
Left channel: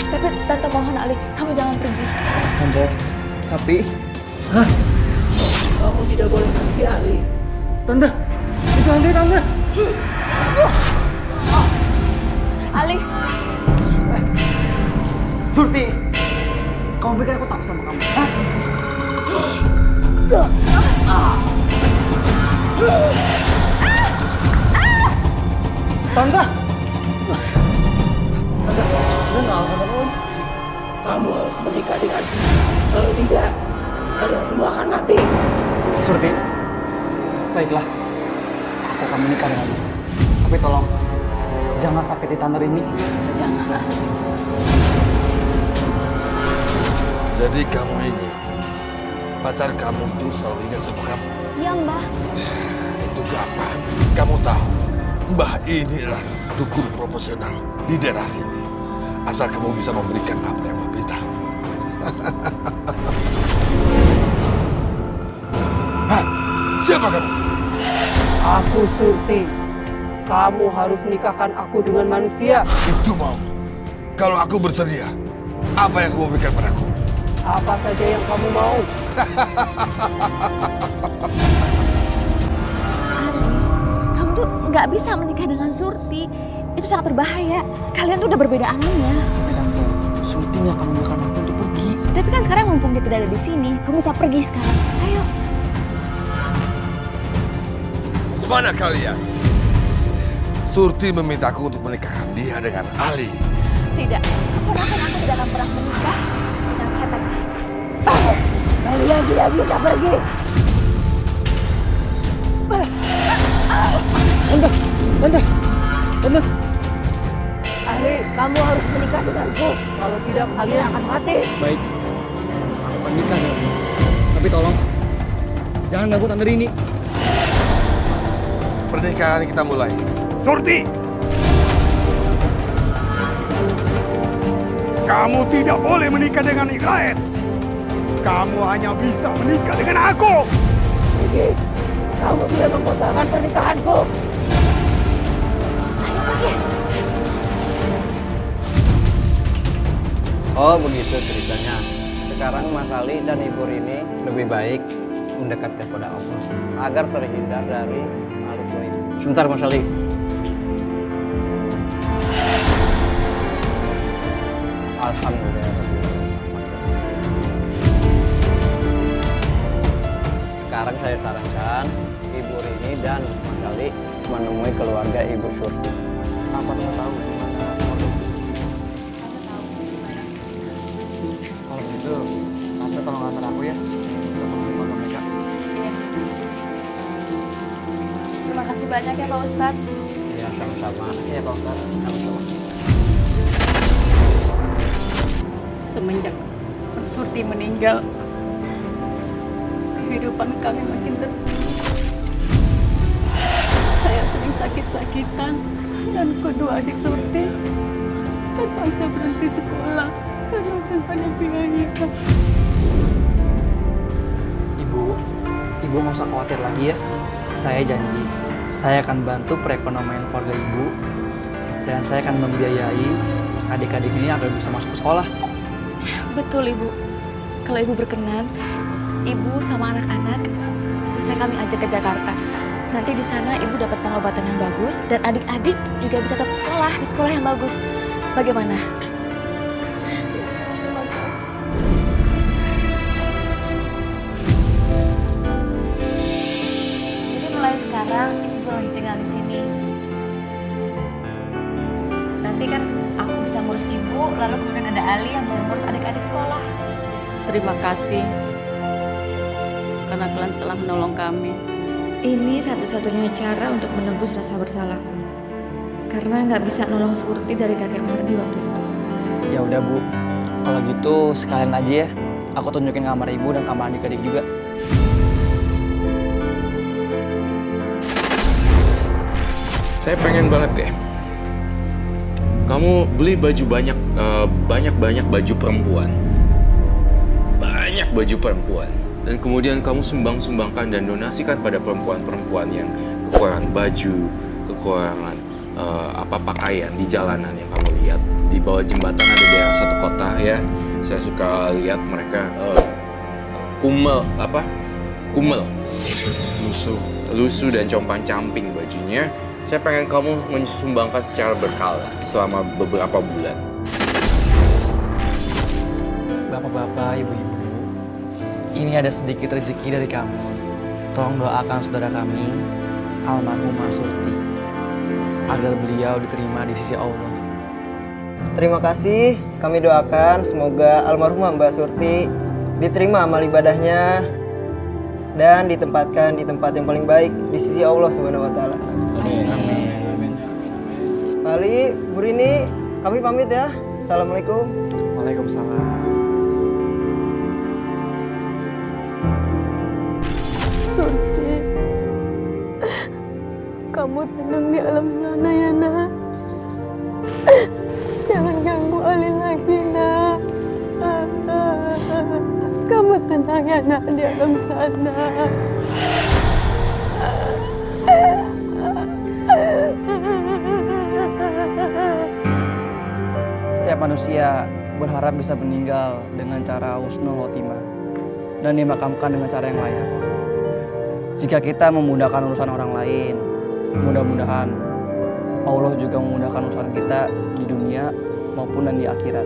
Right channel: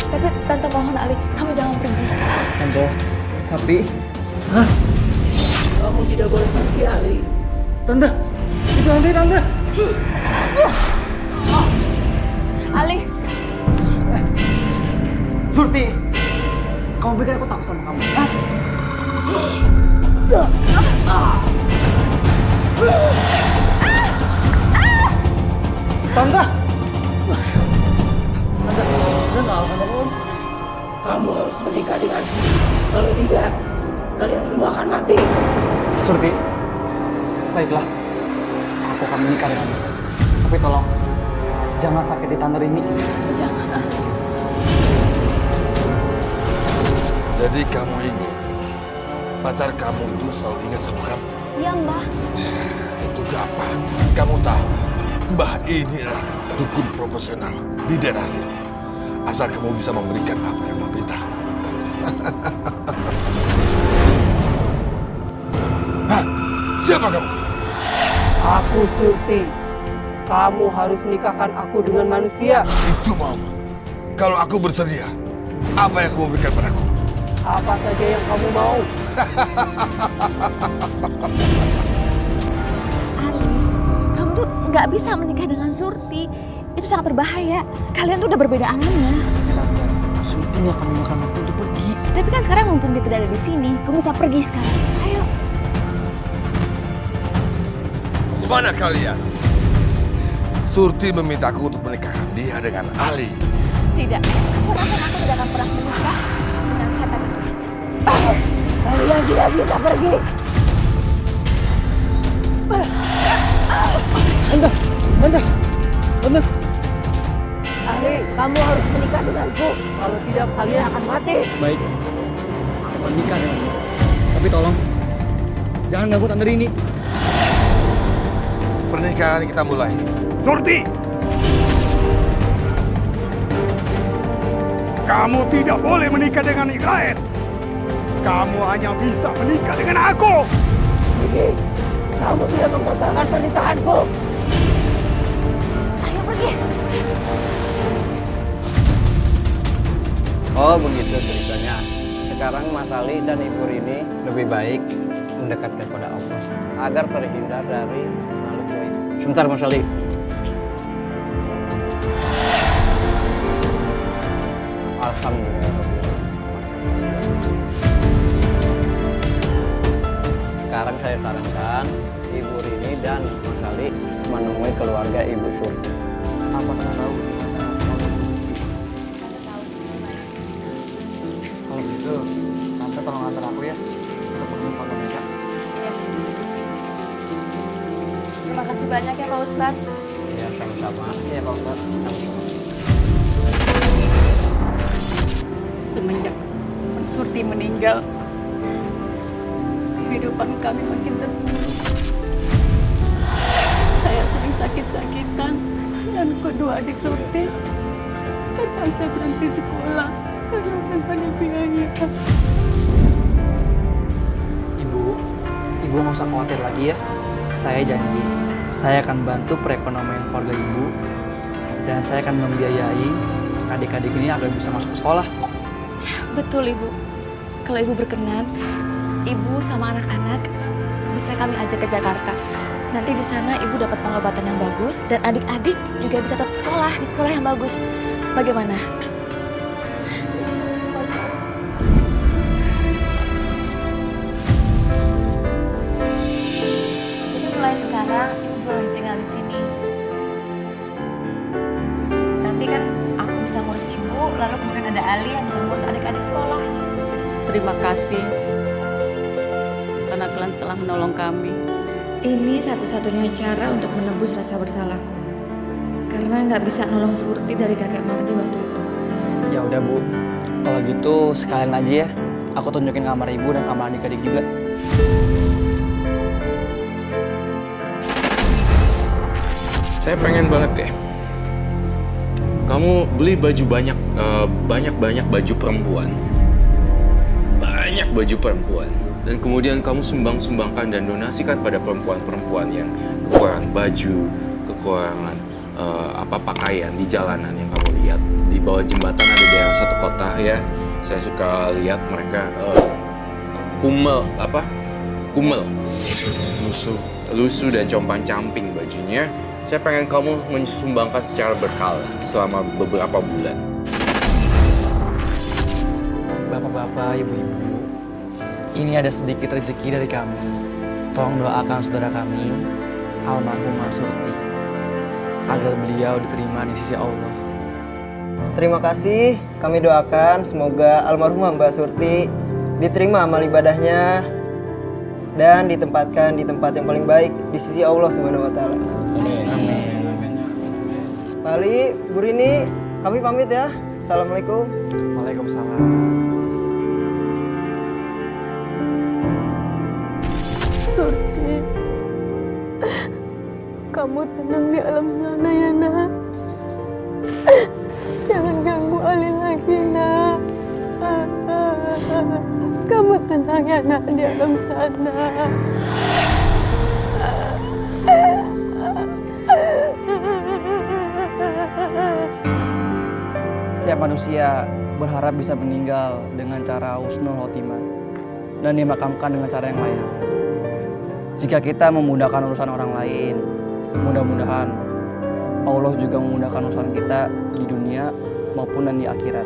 Tapi Tante mohon Ali, kamu jangan pergi. Tante, tapi... Hah? Kamu tidak boleh pergi, Ali. Tante, itu hantu Tante. Ali. Surti, kamu pikir aku takut sama kamu? Hah? Tante! Tante, udah nggak apa-apa kan? Kamu harus menikah denganku. Kalau tidak, kalian semua akan mati. Surti, baiklah. Aku akan menikah denganmu. Tapi tolong, jangan sakiti Tante Rini. Jangan Ali. Jadi kamu ini, pacar kamu itu selalu ingat sama kamu? Iya, Mbah. Itu gampang. Kamu tahu, Mbah ini adalah dukun profesional di daerah sini. asal kamu bisa memberikan apa yang Mbak minta. Hah? Siapa kamu? Aku Surti. Kamu harus nikahkan aku dengan manusia. Itu maumu. Kalau aku bersedia, apa yang kamu berikan padaku? Apa saja yang kamu mau. Ali, kamu tuh nggak bisa menikah dengan Surti. Itu sangat berbahaya. Kalian tuh udah berbeda alamnya. Ya tante, Surti nggak akan membiarkan aku untuk pergi. Tapi kan sekarang mumpung dia tidak ada di sini, kamu bisa pergi sekarang. Ayo. Kemana kalian? Surti memintaku untuk menikahkan dia dengan Ali. Tidak, keponakan aku tidak akan pernah menikah dengan setan itu. Kalian tidak bisa pergi. Tante. Ali, kamu harus menikah denganku. Kalau tidak, kalian akan mati. Baik, aku akan nikah denganmu. Tapi tolong, jangan ganggu Tante Rini. Pernikahan kita mulai. Surti! Kamu tidak boleh menikah dengan Iqlaet. Kamu hanya bisa menikah dengan aku. Ini, kamu sudah membatalkan pernikahanku. Ayo pergi. Oh begitu ceritanya. Sekarang Mas Ali dan Ibu Rini lebih baik mendekat kepada Allah agar terhindar dari makhluk gaib. Sebentar Mas Ali. Alhamdulillah. Sekarang saya sarankan Ibu Rini dan Mas Ali menemui keluarga Ibu Surti. Apa Tante tahu di mana keluarga Ibu Surti? Tante tahu di mana. Kalau begitu, Tante tolong antar aku ya untuk menemui keluarga mereka. Iya. Terima kasih banyak ya Pak Ustadz. Ya sama-sama. Makasih ya Pak Ustadz. Sama-sama. Semenjak Surti meninggal, kehidupan kami makin terpuruk. Saya sering sakit-sakitan dan kedua adik Surti terpaksa berhenti sekolah karena belum ada biaya. Ibu nggak usah khawatir lagi ya. Saya janji, saya akan bantu perekonomian keluarga Ibu dan saya akan membiayai adik-adik ini agar bisa masuk ke sekolah. Betul Ibu. Kalau Ibu berkenan, Ibu sama anak-anak bisa kami ajak ke Jakarta. Nanti di sana Ibu dapat pengobatan yang bagus dan adik-adik juga bisa tetap sekolah di sekolah yang bagus. Bagaimana? Terima kasih. Jadi mulai sekarang Ibu boleh tinggal di sini. Nanti kan aku bisa ngurus Ibu, lalu kemudian ada Ali yang bisa ngurus adik-adik sekolah. Terima kasih karena kalian telah menolong kami. Ini satu-satunya cara untuk menebus rasa bersalahku. Karena nggak bisa nolong Surti dari kakek Mardi waktu itu. Ya udah Bu, kalau gitu sekalian aja ya. Aku tunjukin kamar Ibu dan kamar adik-adik juga. Saya pengen banget ya. Kamu beli baju banyak baju perempuan. Banyak baju perempuan. Dan kemudian kamu sumbangkan dan donasikan pada perempuan-perempuan yang kekurangan baju, kekurangan pakaian di jalanan yang kamu lihat. Di bawah jembatan ada daerah satu kota ya. Saya suka lihat mereka kumel, lusuh dan compang-camping bajunya. Saya pengen kamu mensumbangkan secara berkala selama beberapa bulan. Bapak-bapak, ibu-ibu, ini ada sedikit rezeki dari kami. Tolong doakan saudara kami, almarhumah Surti, agar beliau diterima di sisi Allah. Terima kasih, kami doakan semoga almarhumah Mbak Surti diterima amal ibadahnya dan ditempatkan di tempat yang paling baik di sisi Allah Subhanahu wa taala. Amin. Amin. Pak Ali, Bu Rini, kami pamit ya. Assalamualaikum. Waalaikumsalam. Surti, kamu tenang di alam sana ya nak. Jangan ganggu Ali tenang ya nak di alam sana. Setiap manusia berharap bisa meninggal dengan cara husnul khotimah dan dimakamkan dengan cara yang layak. Jika kita memudahkan urusan orang lain, mudah-mudahan Allah juga memudahkan urusan kita di dunia maupun dan di akhirat.